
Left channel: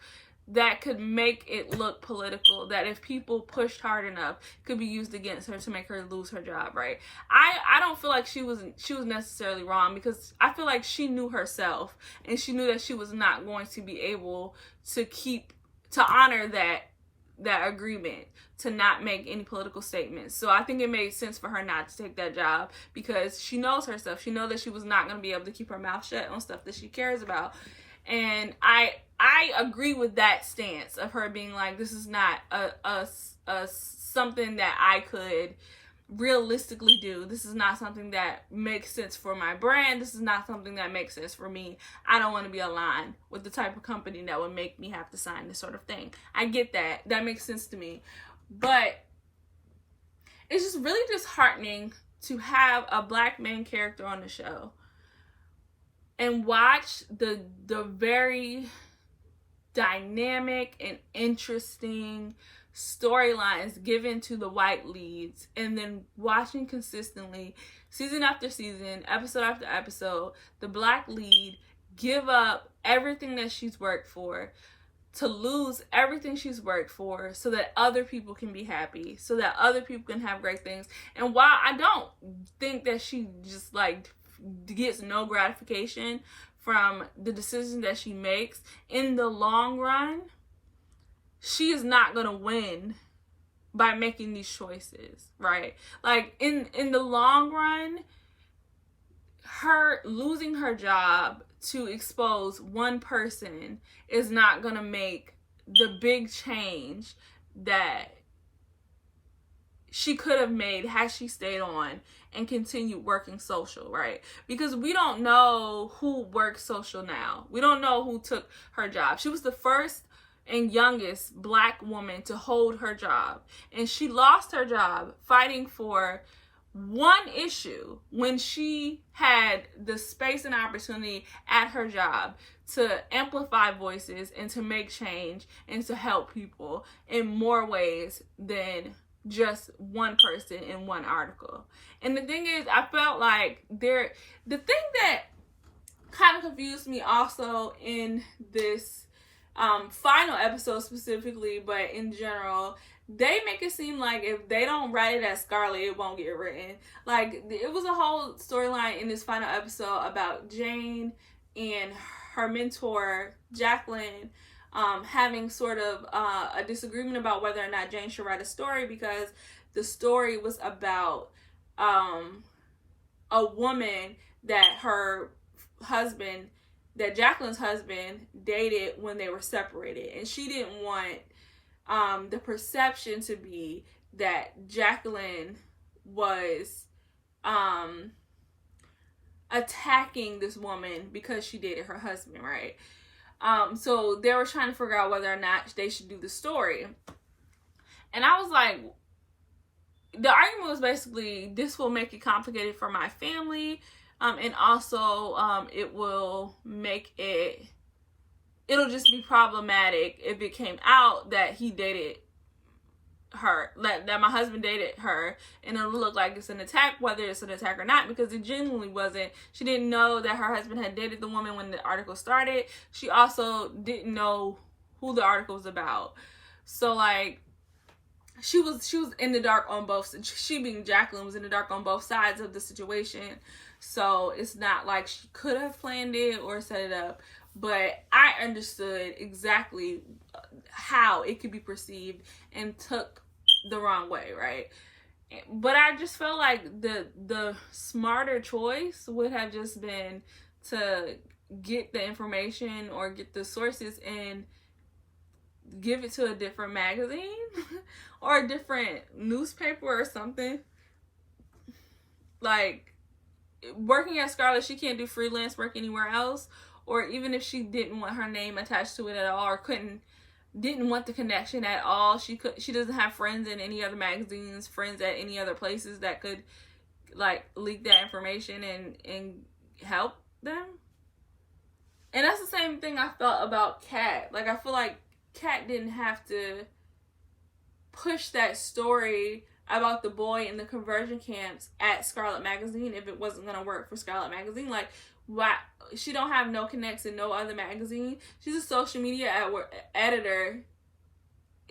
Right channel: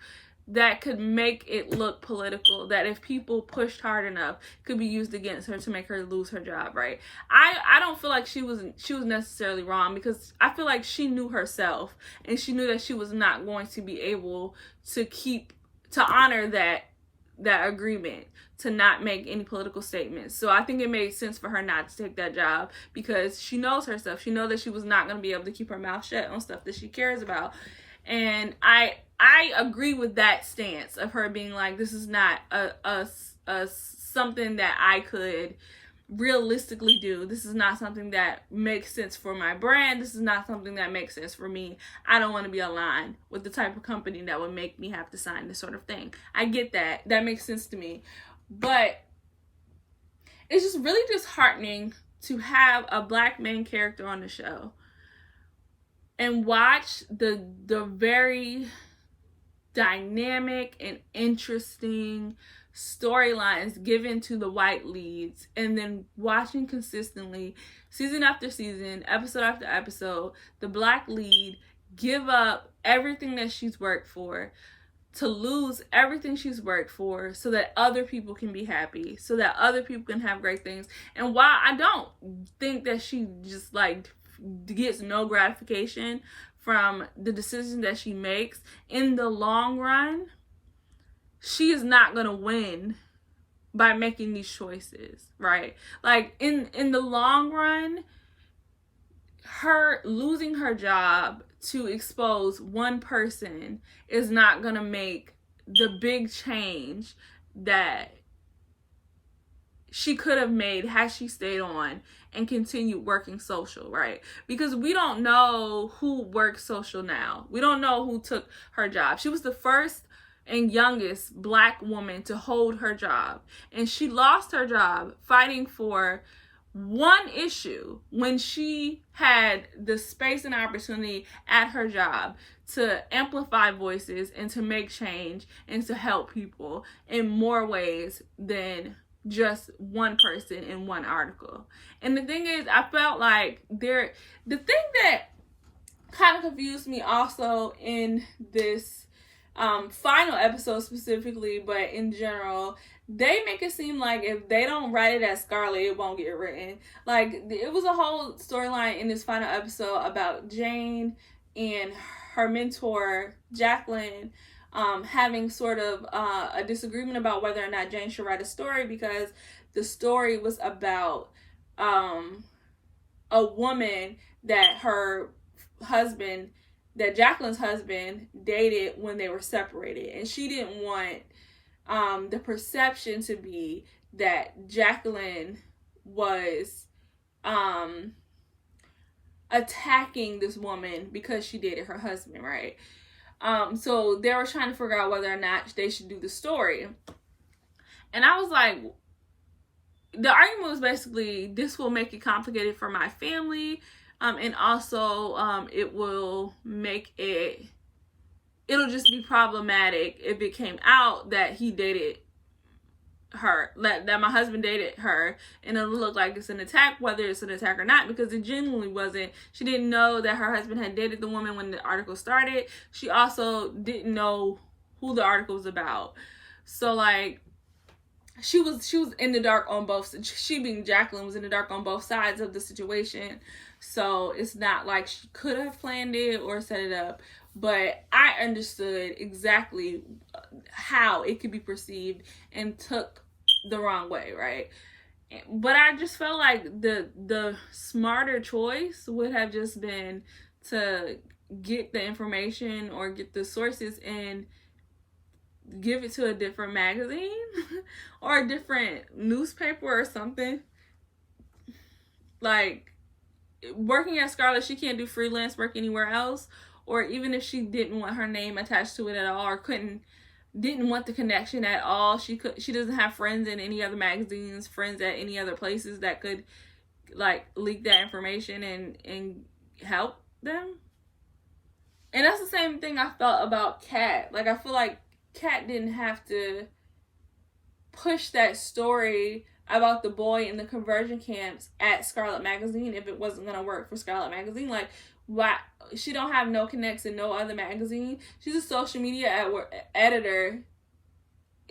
that could make it look political, that if people pushed hard enough could be used against her to make her lose her job, right? I don't feel like she was necessarily wrong, because I feel like she knew herself, and she knew that she was not going to be able to honor that agreement to not make any political statements. So I think it made sense for her not to take that job, because she knows herself. She knows that she was not going to be able to keep her mouth shut on stuff that she cares about. And I agree with that stance of her being like, this is not a something that I could realistically do. This is not something that makes sense for my brand. This is not something that makes sense for me. I don't want to be aligned with the type of company that would make me have to sign this sort of thing. I get that. That makes sense to me. But it's just really disheartening to have a Black main character on the show and watch the very dynamic and interesting storylines given to the white leads, and then watching consistently, season after season, episode after episode, the Black lead give up everything that she's worked for, to lose everything she's worked for, so that other people can be happy, so that other people can have great things. And while I don't think that she just like gets no gratification from the decisions that she makes, in the long run, she is not going to win by making these choices, right? Like in the long run, her losing her job to expose one person is not going to make the big change that she could have made had she stayed on and continued working social, right? Because we don't know who works social now. We don't know who took her job. She was the first and youngest Black woman to hold her job, and she lost her job fighting for one issue when she had the space and opportunity at her job to amplify voices and to make change and to help people in more ways than just one person in one article. And the thing is, I felt like the thing that kind of confused me also in this final episode specifically, but in general, they make it seem like if they don't write it as Scarlett, it won't get written. Like, it was a whole storyline in this final episode about Jane and her mentor, Jacqueline, having sort of a disagreement about whether or not Jane should write a story, because the story was about a woman that Jacqueline's husband dated when they were separated, and she didn't want the perception to be that Jacqueline was attacking this woman because she dated her husband, right? So they were trying to figure out whether or not they should do the story. And I was like, the argument was basically, this will make it complicated for my family, and also it'll just be problematic if it came out that he dated her, that my husband dated her, and it'll look like it's an attack, whether it's an attack or not, because it genuinely wasn't. She didn't know that her husband had dated the woman when the article started. She also didn't know who the article was about. So like, she was in the dark on both, she being Jacqueline was in the dark on both sides of the situation. So it's not like she could have planned it or set it up, but I understood exactly how it could be perceived and took the wrong way, right? But I just felt like the smarter choice would have just been to get the information or get the sources and give it to a different magazine or a different newspaper or something. Like, working at Scarlett, she can't do freelance work anywhere else, or even if she didn't want her name attached to it at all, or didn't want the connection at all, she doesn't have friends in any other magazines, friends at any other places that could like leak that information and help them. And that's the same thing I felt about Kat. Like, I feel like Kat didn't have to push that story about the boy in the conversion camps at Scarlet Magazine if it wasn't going to work for Scarlet Magazine. Like, why? She don't have no connects in no other magazine. She's a social media editor.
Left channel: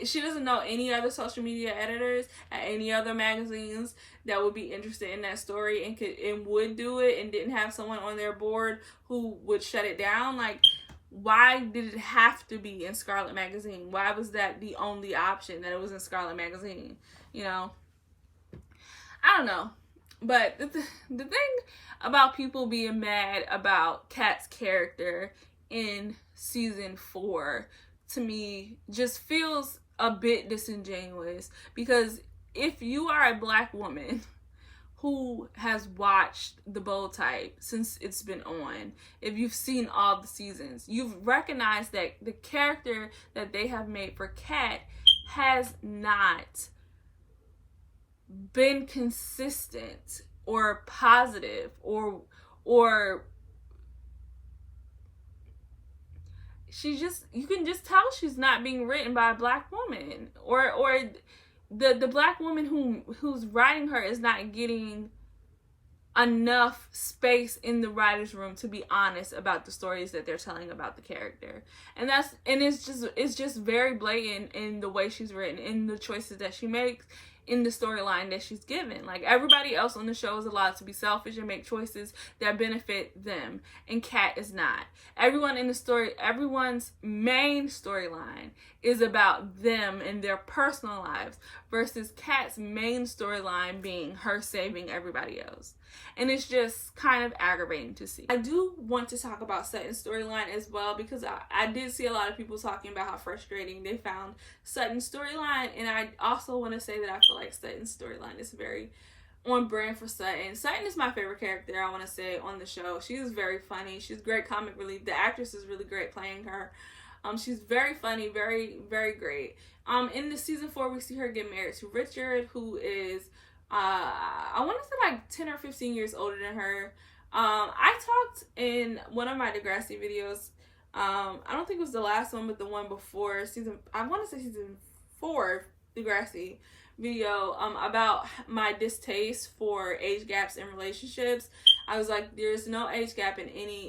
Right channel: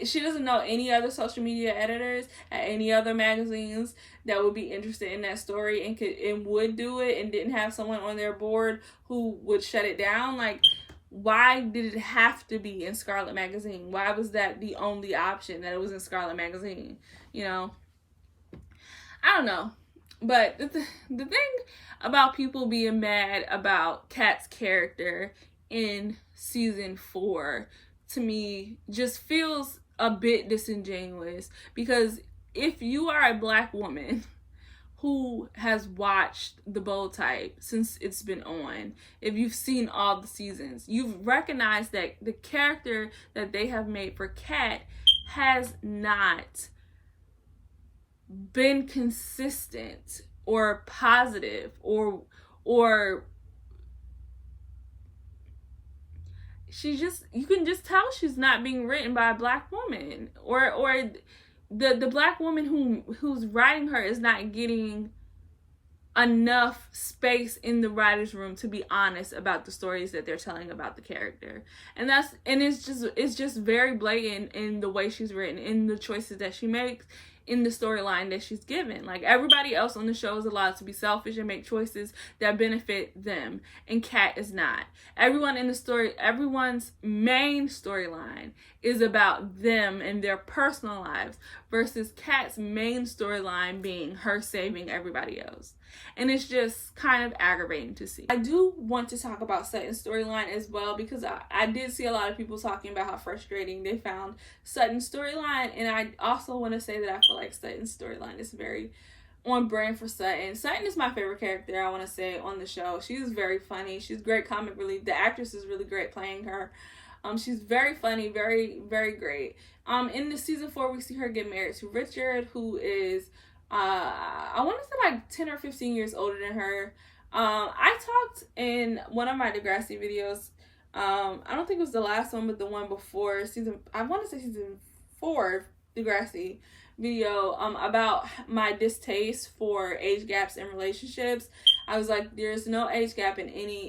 She doesn't know any other social media editors at any other magazines that would be interested in that story and would do it, and didn't have someone on their board who would shut it down. Like, why did it have to be in Scarlet Magazine? Why was that the only option, that it was in Scarlet Magazine? You know, I don't know. But the thing about people being mad about Kat's character in season 4, to me, just feels a bit disingenuous. Because if you are a Black woman who has watched The Bold Type since it's been on, if you've seen all the seasons, you've recognized that the character that they have made for Kat has not been consistent or positive or you can just tell she's not being written by a Black woman, or the Black woman who's writing her is not getting enough space in the writer's room to be honest about the stories that they're telling about the character. And it's just very blatant in the way she's written, in the choices that she makes, in the storyline that she's given. Like, everybody else on the show is allowed to be selfish and make choices that benefit them, and Kat is not. Everyone in the story, everyone's main storyline is about them and their personal lives, versus Kat's main storyline being her saving everybody else. And it's just kind of aggravating to see. I do want to talk about Sutton's storyline as well, because I did see a lot of people talking about how frustrating they found Sutton's storyline. And I also want to say that I feel like Sutton's storyline is very on brand for Sutton. Sutton is my favorite character, I want to say, on the show. She's very funny. She's great comic relief. The actress is really great playing her. She's very funny, very, very great. In the season 4, we see her get married to Richard, who is I want to say like 10 or 15 years older than her. I talked in one of my Degrassi videos, I don't think it was the last one, but the one before I want to say season 4 Degrassi video, about my distaste for age gaps in relationships. I was like, there's no age gap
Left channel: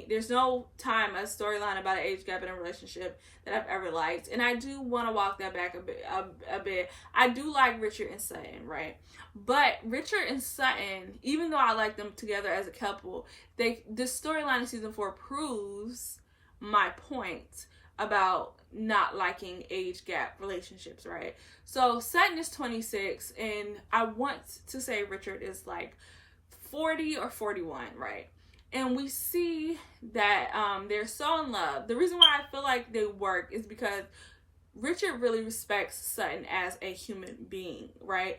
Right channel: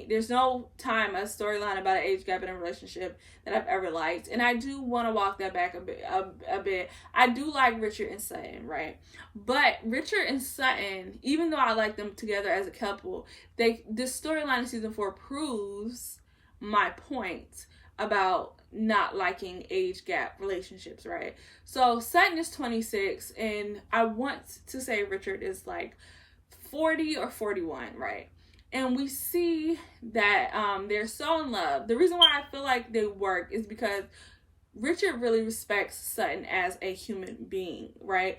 there's no time, a storyline about an age gap in a relationship that I've ever liked. And I do want to walk that back a bit. I do like Richard and Sutton, right? But Richard and Sutton, even though I like them together as a couple, this storyline in season 4 proves my point about not liking age gap relationships, right? So Sutton is 26, and I want to say Richard is like 40 or 41, right? And we see that they're so in love. The reason why I feel like they work is because Richard really respects Sutton as a human being, right?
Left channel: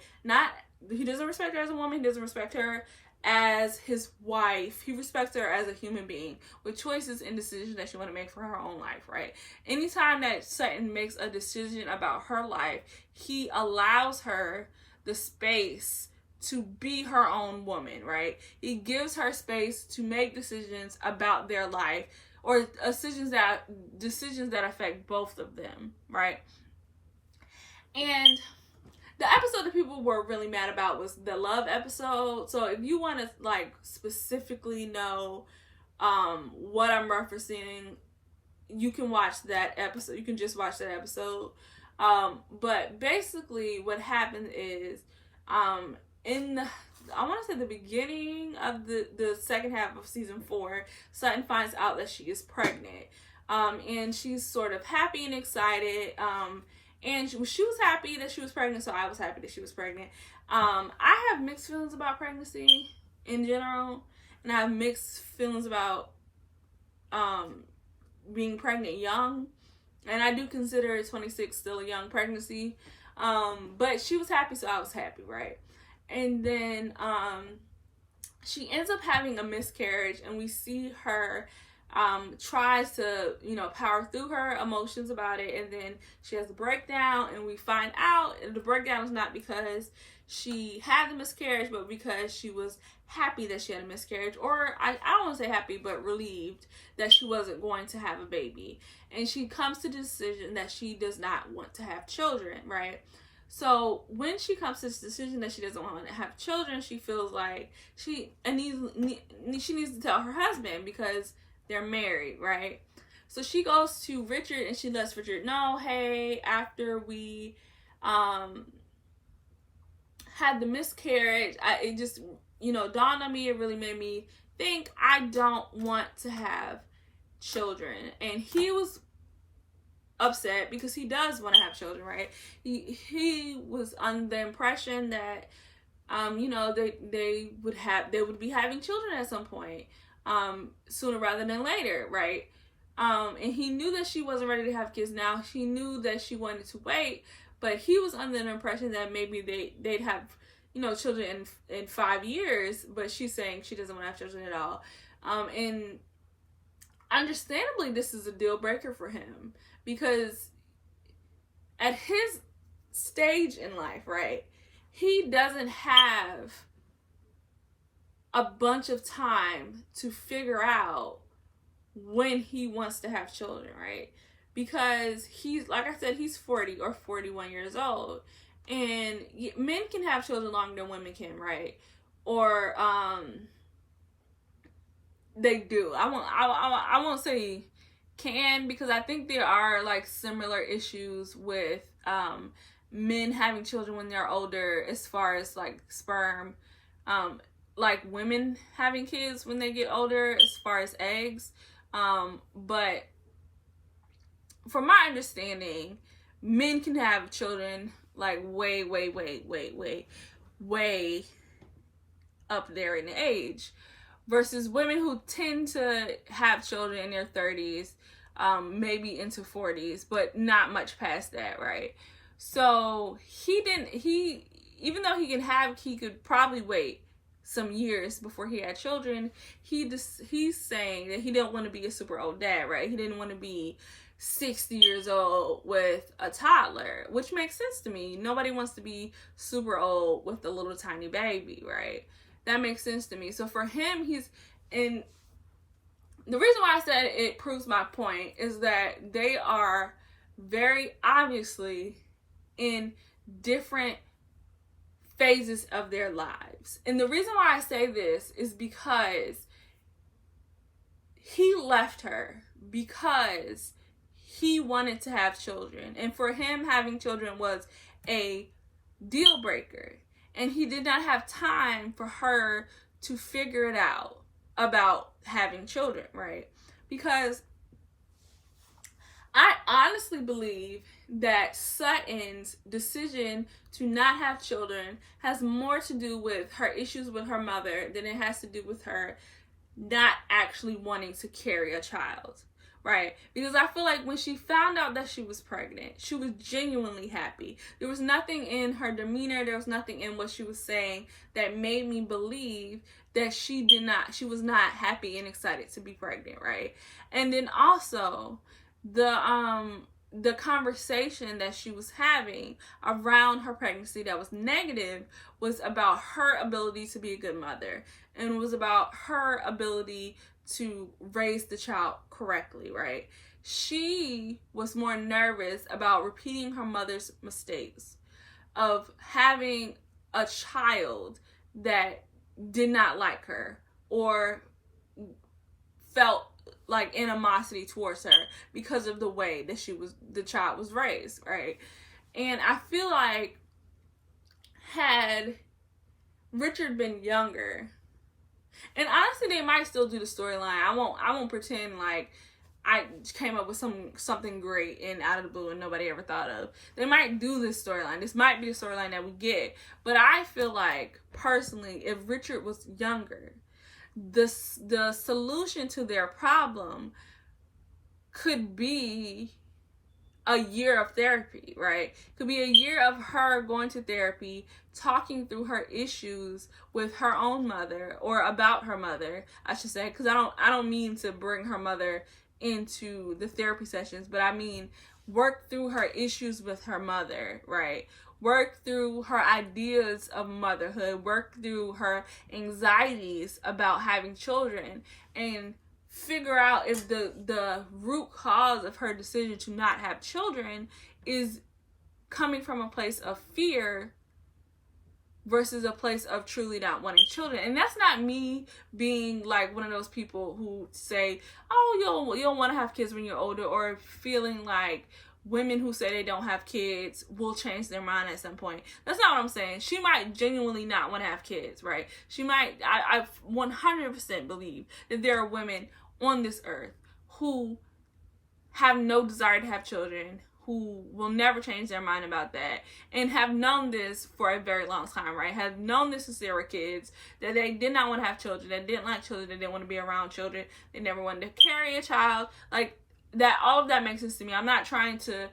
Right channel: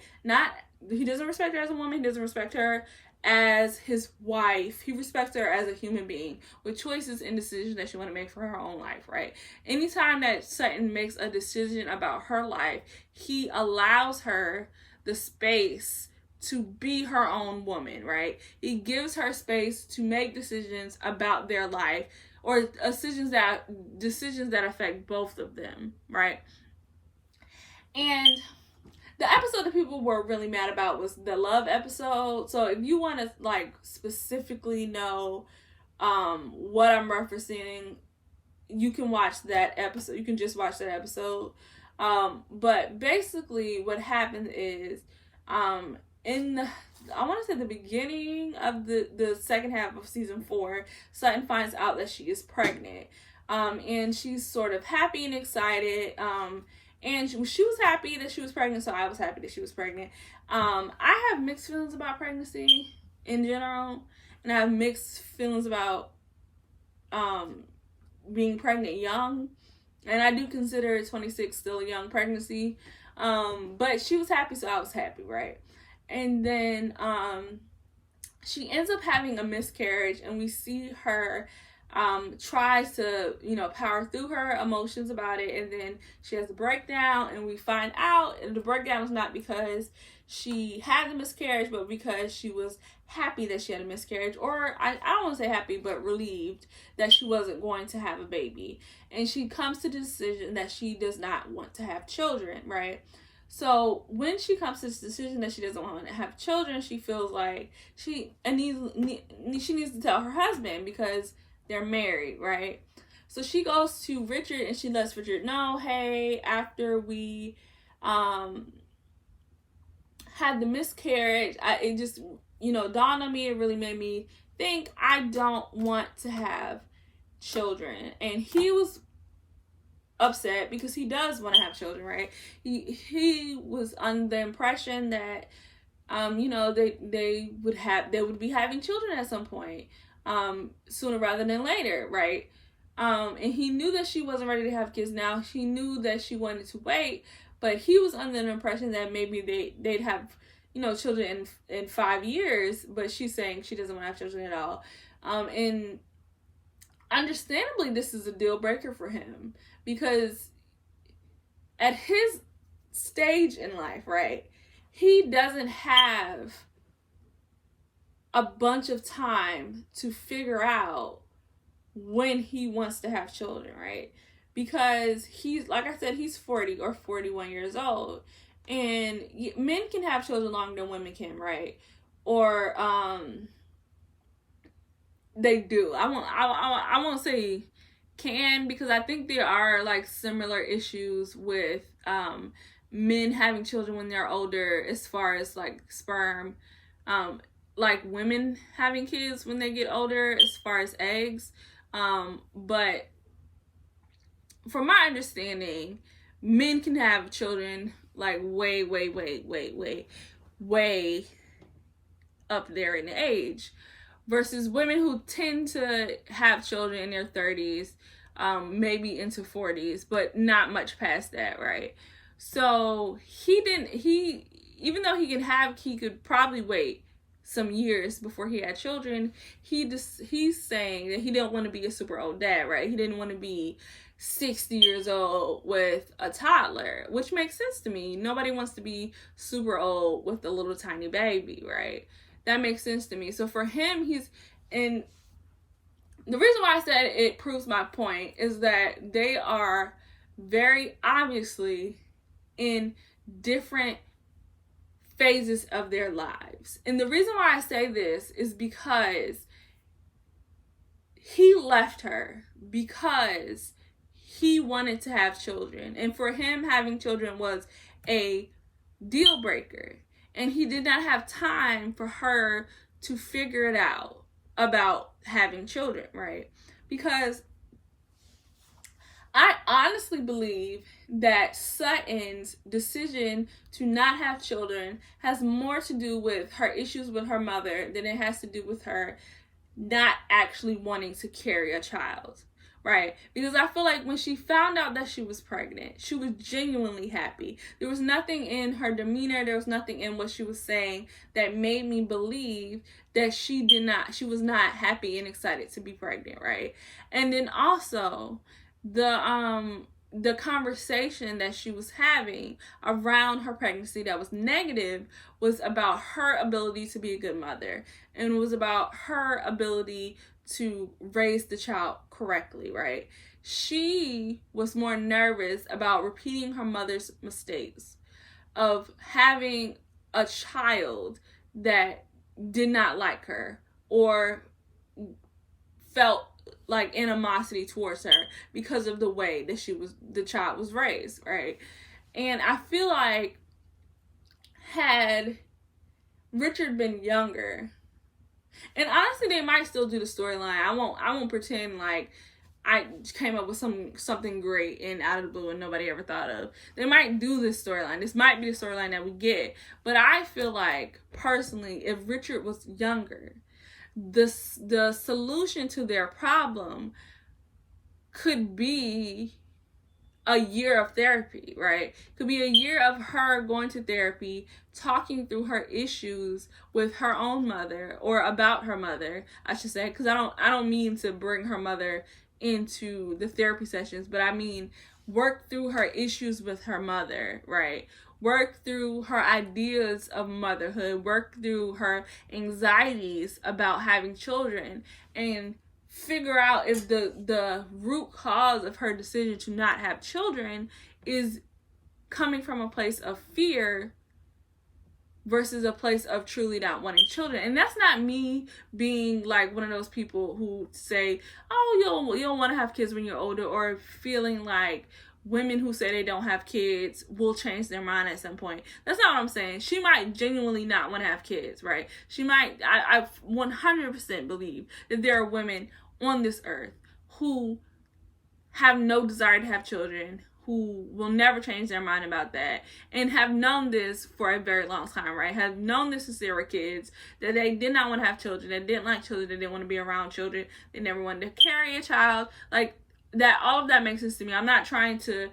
He doesn't respect her as a woman. He doesn't respect her as his wife. He respects her as a human being with choices and decisions that she want to make for her own life, right? Anytime that Sutton makes a decision about her life, he allows her the space to be her own woman, right? He gives her space to make decisions about their life, or decisions that affect both of them, right? And the episode that people were really mad about was the love episode. So if you want to like specifically know what I'm referencing, you can watch that episode. You can just watch that episode. But basically what happened is I want to say the beginning of the second half of season 4, Sutton finds out that she is pregnant. And she's sort of happy and excited. And she was happy that she was pregnant, so I was happy that she was pregnant. I have mixed feelings about pregnancy in general, and I have mixed feelings about being pregnant young. And I do consider 26 still a young pregnancy. But she was happy, so I was happy, right? And then she ends up having a miscarriage, and we see her tries to, power through her emotions about it, and then she has a breakdown, and we find out the breakdown is not because she had a miscarriage, but because she was happy that she had a miscarriage, or I don't want to say happy, but relieved that she wasn't going to have a baby. And she comes to the decision that she does not want to have children, right? So when she comes to this decision that she doesn't want to have children, she feels like she needs to tell her husband because they're married, right? So she goes to Richard and she lets Richard know, hey, after we had the miscarriage, it just, dawned on me, it really made me think I don't want to have children. And he was upset because he does want to have children, right? He was under the impression that they would be having children at some point, sooner rather than later, right? And he knew that she wasn't ready to have kids now. She knew that she wanted to wait, but he was under the impression that maybe they'd have children in 5 years, but she's saying she doesn't want to have children at all. And understandably, this is a deal breaker for him, because at his stage in life, right, he doesn't have a bunch of time to figure out when he wants to have children, right? Because he's, like I said, he's 40 or 41 years old, and men can have children longer than women can, right? Or they do. I won't say can, because I think there are like similar issues with men having children when they're older, as far as like sperm, like women having kids when they get older as far as eggs. But from my understanding, men can have children like way up there in age, versus women who tend to have children in their 30s, maybe into 40s, but not much past that, right? So even though he could probably wait some years before he had children, he's saying that he didn't want to be a super old dad, right? He didn't want to be 60 years old with a toddler, which makes sense to me. Nobody wants to be super old with a little tiny baby, right? That makes sense to me. So for him, and the reason why I said it proves my point is that they are very obviously in different phases of their lives. And the reason why I say this is because he left her because he wanted to have children. And for him, having children was a deal breaker. And he did not have time for her to figure it out about having children, right? Because I honestly believe that Sutton's decision to not have children has more to do with her issues with her mother than it has to do with her not actually wanting to carry a child, right? Because I feel like when she found out that she was pregnant, she was genuinely happy. There was nothing in her demeanor, there was nothing in what she was saying that made me believe that she was not happy and excited to be pregnant, right? And then also the conversation that she was having around her pregnancy that was negative was about her ability to be a good mother, and it was about her ability to raise the child correctly, right? She was more nervous about repeating her mother's mistakes of having a child that did not like her or felt like animosity towards her because of the way that the child was raised, right? And I feel like had Richard been younger, and honestly, they might still do the storyline. I won't pretend like I came up with something great and out of the blue and nobody ever thought of. They might do this storyline. This might be the storyline that we get. But I feel like, personally, if Richard was younger, the solution to their problem could be a year of therapy, right? It could be a year of her going to therapy, talking through her issues with her own mother, or about her mother, I should say, because I don't mean to bring her mother into the therapy sessions, but I mean work through her issues with her mother, right? Work through her ideas of motherhood, work through her anxieties about having children, and figure out if the root cause of her decision to not have children is coming from a place of fear versus a place of truly not wanting children. And that's not me being like one of those people who say, oh, you'll want to have kids when you're older, or feeling like women who say they don't have kids will change their mind at some point. That's not what I'm saying. She might genuinely not want to have kids, right? She might, I 100% believe that there are women on this earth who have no desire to have children, who will never change their mind about that, and have known this for a very long time, right? Have known this since they were kids, that they did not want to have children, they didn't like children, they didn't want to be around children, they never wanted to carry a child. Like, that, all of that makes sense to me. I'm not trying to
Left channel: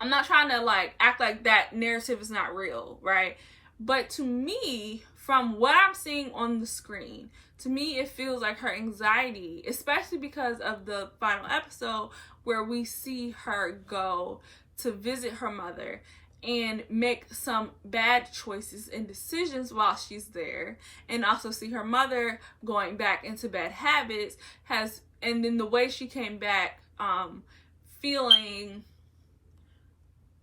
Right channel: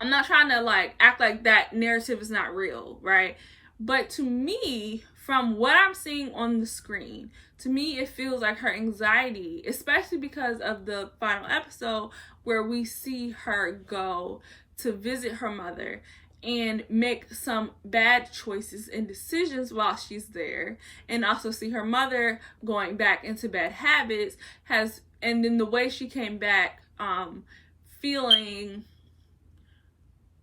like act like that narrative is not real, right? But to me, from what I'm seeing on the screen, to me it feels like her anxiety, especially because of the final episode where we see her go to visit her mother and make some bad choices and decisions while she's there, and also see her mother going back into bad habits, and then the way she came back, feeling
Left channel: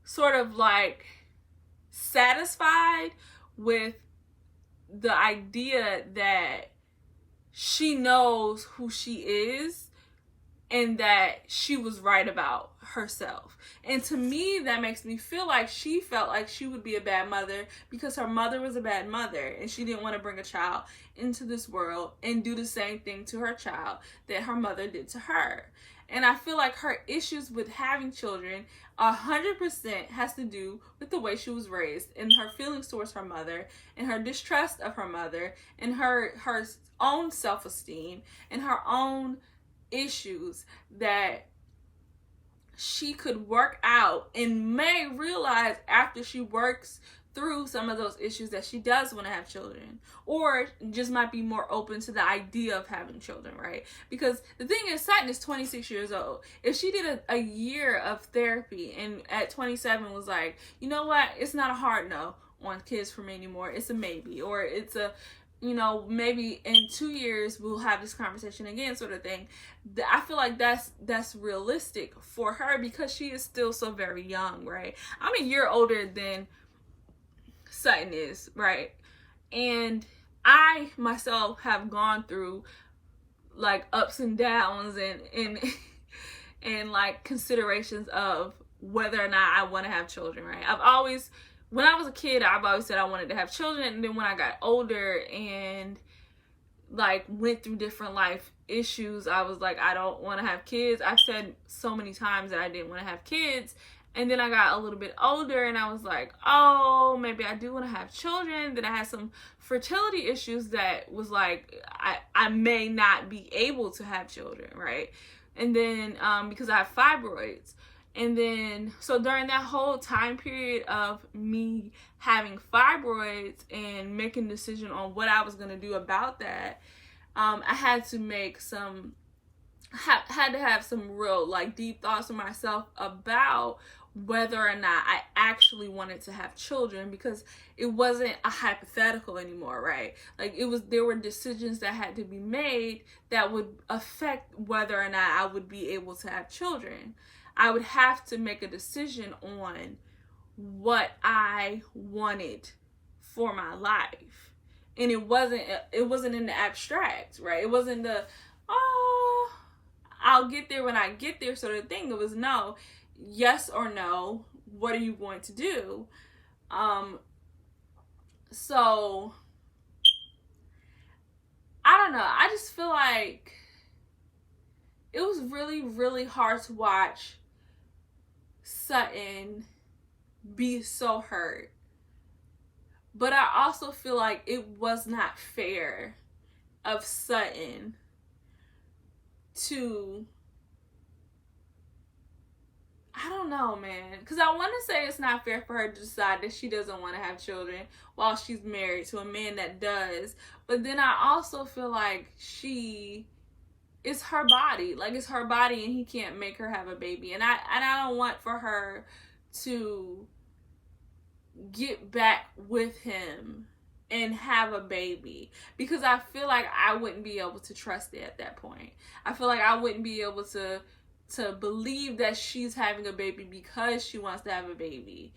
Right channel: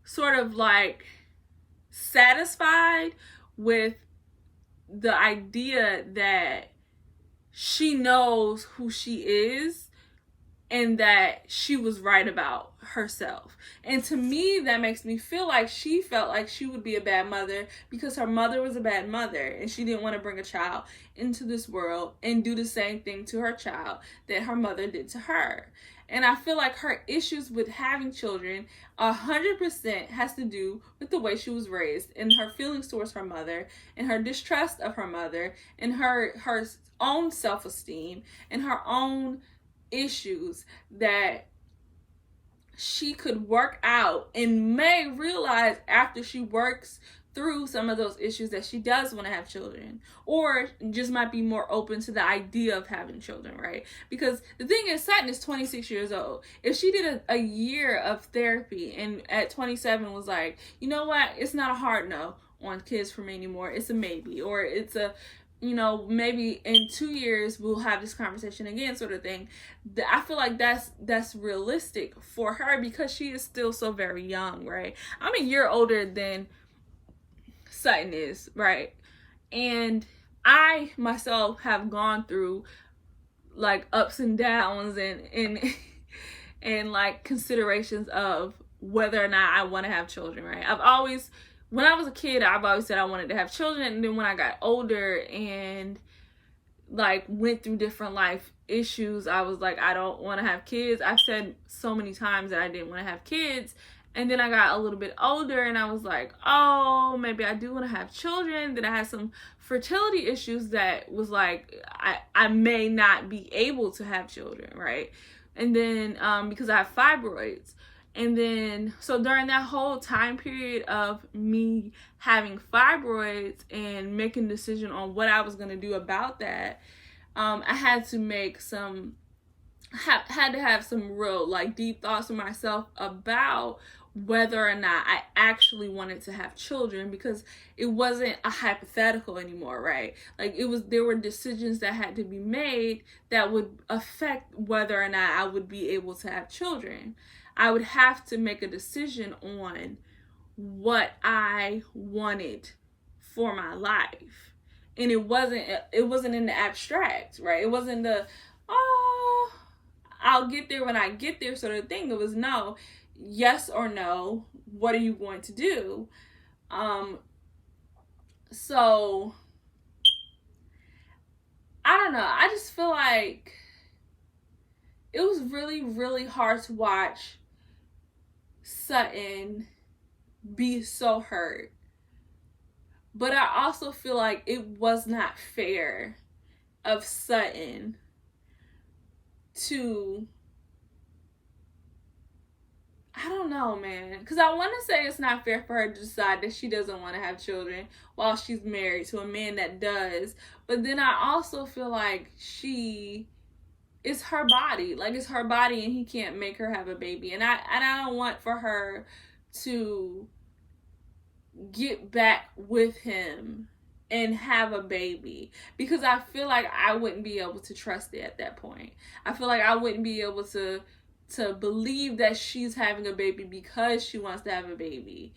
sort of like satisfied with the idea that she knows who she is and that she was right about herself. And to me, that makes me feel like she felt like she would be a bad mother because her mother was a bad mother, and she didn't want to bring a child into this world and do the same thing to her child that her mother did to her. And I feel like her issues with having children 100% has to do with the way she was raised, and her feelings towards her mother, and her distrust of her mother, and her own self-esteem, and her own issues that she could work out and may realize after she works through some of those issues that she does want to have children, or just might be more open to the idea of having children, right? Because the thing is, Sutton is 26 years old. If she did a year of therapy and at 27 was like, you know what, it's not a hard no on kids for me anymore, it's a maybe, or it's a, you know, maybe in 2 years we'll have this conversation again, sort of thing. I feel like that's realistic for her because she is still so very young, right? I'm a year older than Sutton is, right? And I myself have gone through like ups and downs and like considerations of whether or not I want to have children, right? When I was a kid, I've always said I wanted to have children, and then when I got older and like went through different life issues, I was like, I don't want to have kids. I've said so many times that I didn't want to have kids, and then I got a little bit older and I was like, oh, maybe I do want to have children. Then I had some fertility issues that was like, I may not be able to have children, right? And then because I have fibroids. And then, so during that whole time period of me having fibroids and making a decision on what I was going to do about that, I had to make had to have some real like deep thoughts for myself about whether or not I actually wanted to have children, because it wasn't a hypothetical anymore, right? Like there were decisions that had to be made that would affect whether or not I would be able to have children. I would have to make a decision on what I wanted for my life. And it wasn't in the abstract, right? It wasn't the, oh, I'll get there when I get there sort of thing. It was no, yes or no, what are you going to do? So I don't know. I just feel like it was really, really hard to watch Sutton be so hurt. But I also feel like it was not fair of Sutton to I don't know, man. Because I want to say it's not fair for her to decide that she doesn't want to have children while she's married to a man that does. But then I also feel like it's her body. Like, it's her body and he can't make her have a baby. And I don't want for her to get back with him and have a baby, because I feel like I wouldn't be able to trust it at that point. I feel like I wouldn't be able to believe that she's having a baby because she wants to have a baby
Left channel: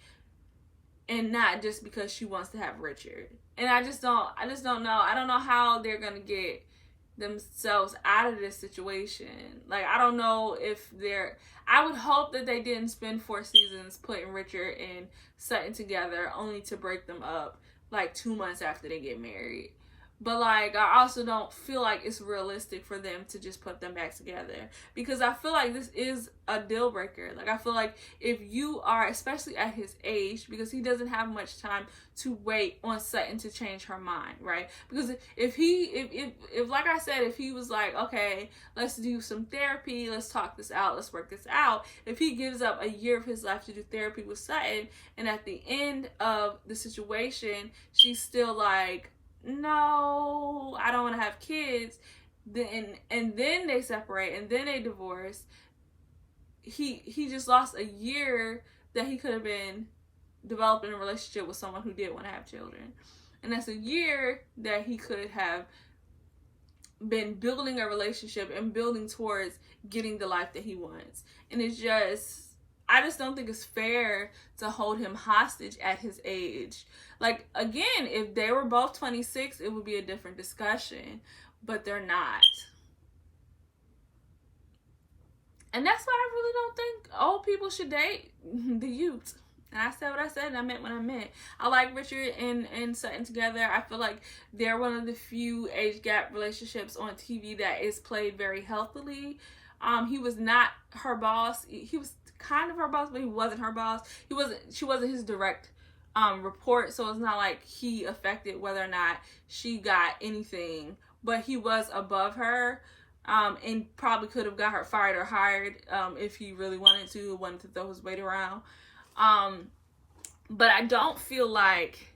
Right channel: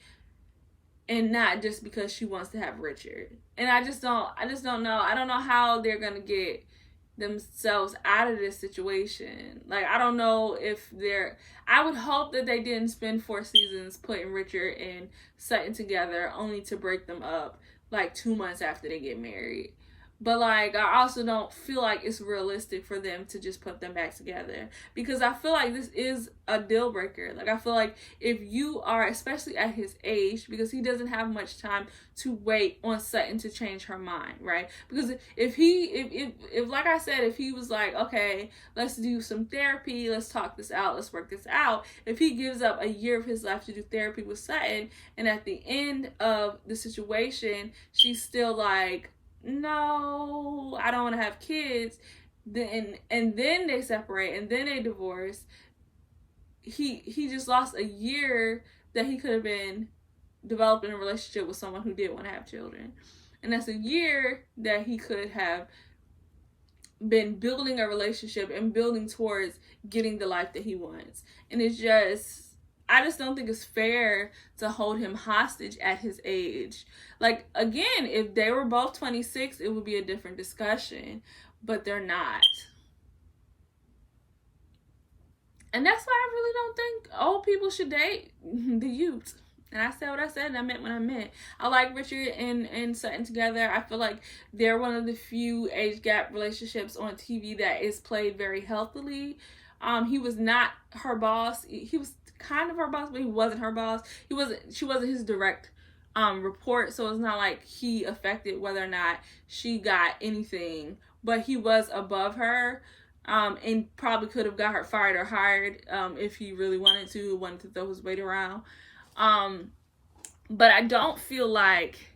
and not just because she wants to have Richard. And I just don't know. I don't know how they're going to get themselves out of this situation. Like, I don't know if I would hope that they didn't spend 4 seasons putting Richard and Sutton together only to break them up like 2 months after they get married. But, like, I also don't feel like it's realistic for them to just put them back together, because I feel like this is a deal breaker. Like, I feel like if you are, especially at his age, because he doesn't have much time to wait on Sutton to change her mind, right? Because if like I said, if he was like, okay, let's do some therapy, let's talk this out, let's work this out. If he gives up a year of his life to do therapy with Sutton, and at the end of the situation, she's still like, no, I don't want to have kids, and then they separate and then they divorce, he just lost a year that he could have been developing a relationship with someone who did want to have children. And that's a year that he could have been building a relationship and building towards getting the life that he wants. And I just don't think it's fair to hold him hostage at his age. Like, again, if they were both 26, it would be a different discussion, but they're not. And that's why I really don't think old people should date the youth. And I said what I said, and I meant what I meant. I like Richard and Sutton together. I feel like they're one of the few age gap relationships on TV that is played very healthily. He was not her boss. He was kind of her boss, but he wasn't her boss. She wasn't his direct report, so it's not like he affected whether or not she got anything. But he was above her, and probably could have got her fired or hired if he really wanted to throw his weight around. But I don't feel like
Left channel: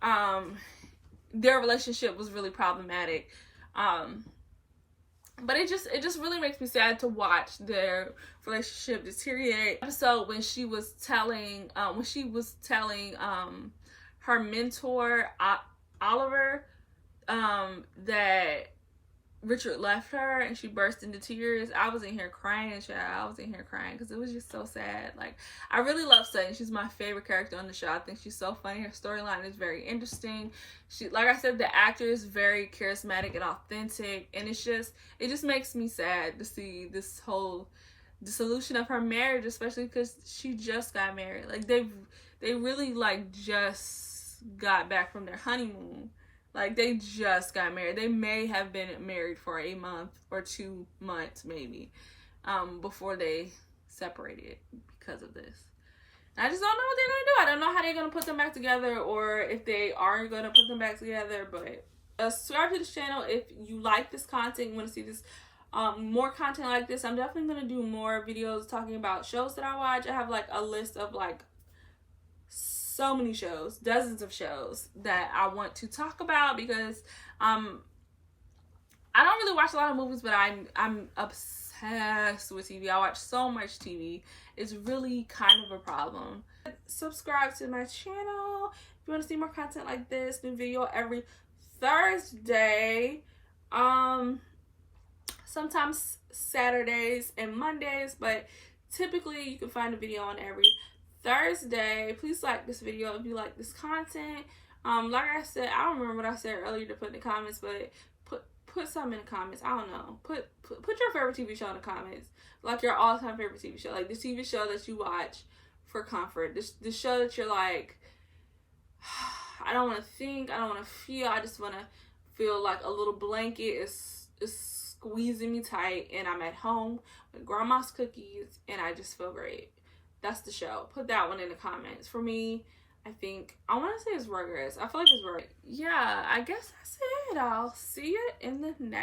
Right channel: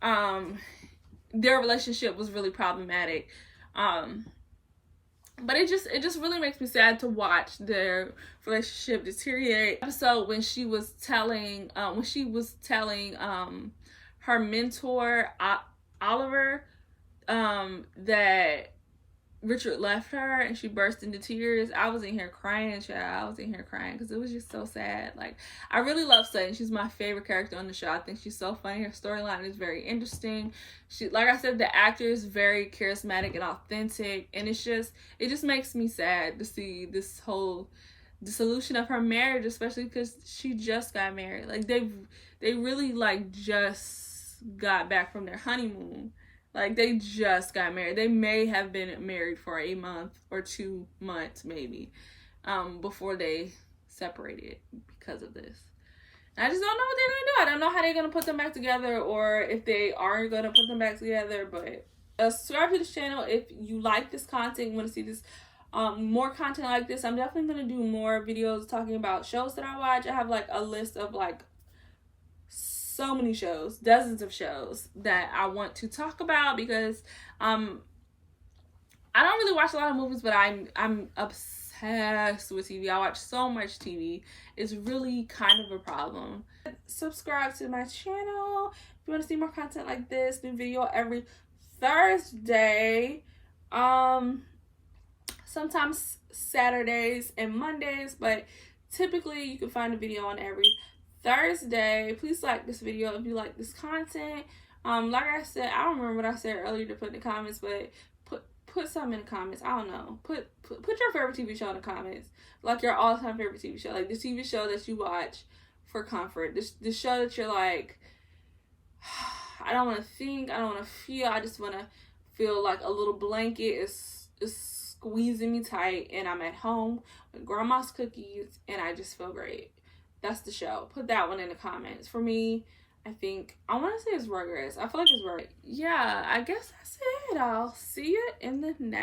their relationship was really problematic. But it just really makes me sad to watch their relationship deteriorate. Episode when she was telling her mentor Oliver that Richard left her, and she burst into tears. I was in here crying, child. I was in here crying because it was just so sad. Like, I really love Sutton. She's my favorite character on the show. I think she's so funny. Her storyline is very interesting. She, like I said, the actor is very charismatic and authentic, and it just makes me sad to see this whole dissolution of her marriage, especially because she just got married. Like, they really like just got back from their honeymoon. Like, they just got married. They may have been married for a month or 2 months, maybe, before they separated because of this. And I just don't know what they're going to do. I don't know how they're going to put them back together, or if they are going to put them back together. But subscribe to this channel if you like this content, you want to see this more content like this. I'm definitely going to do more videos talking about shows that I watch. I have, like, a list of, like, so many shows, dozens of shows that I want to talk about, because I don't really watch a lot of movies, but I'm obsessed with TV. I watch so much TV. It's really kind of a problem. Subscribe to my channel if you want to see more content like this. New video every Thursday, sometimes Saturdays and Mondays, but typically you can find a video on every Thursday. Please like this video if you like this content. Like I said, I don't remember what I said earlier to put in the comments, but put something in the comments. I don't know. Put your favorite TV show in the comments. Like, your all-time favorite TV show. Like, the TV show that you watch for comfort. This show that you're like, I don't want to think, I don't want to feel, I just want to feel like a little blanket is squeezing me tight, and I'm at home with grandma's cookies, and I just feel great. That's the show. Put that one in the comments. For me, I think, I want to say it's Rugrats. I feel like it's Rugrats. Yeah, I guess that's it. I'll see you in the next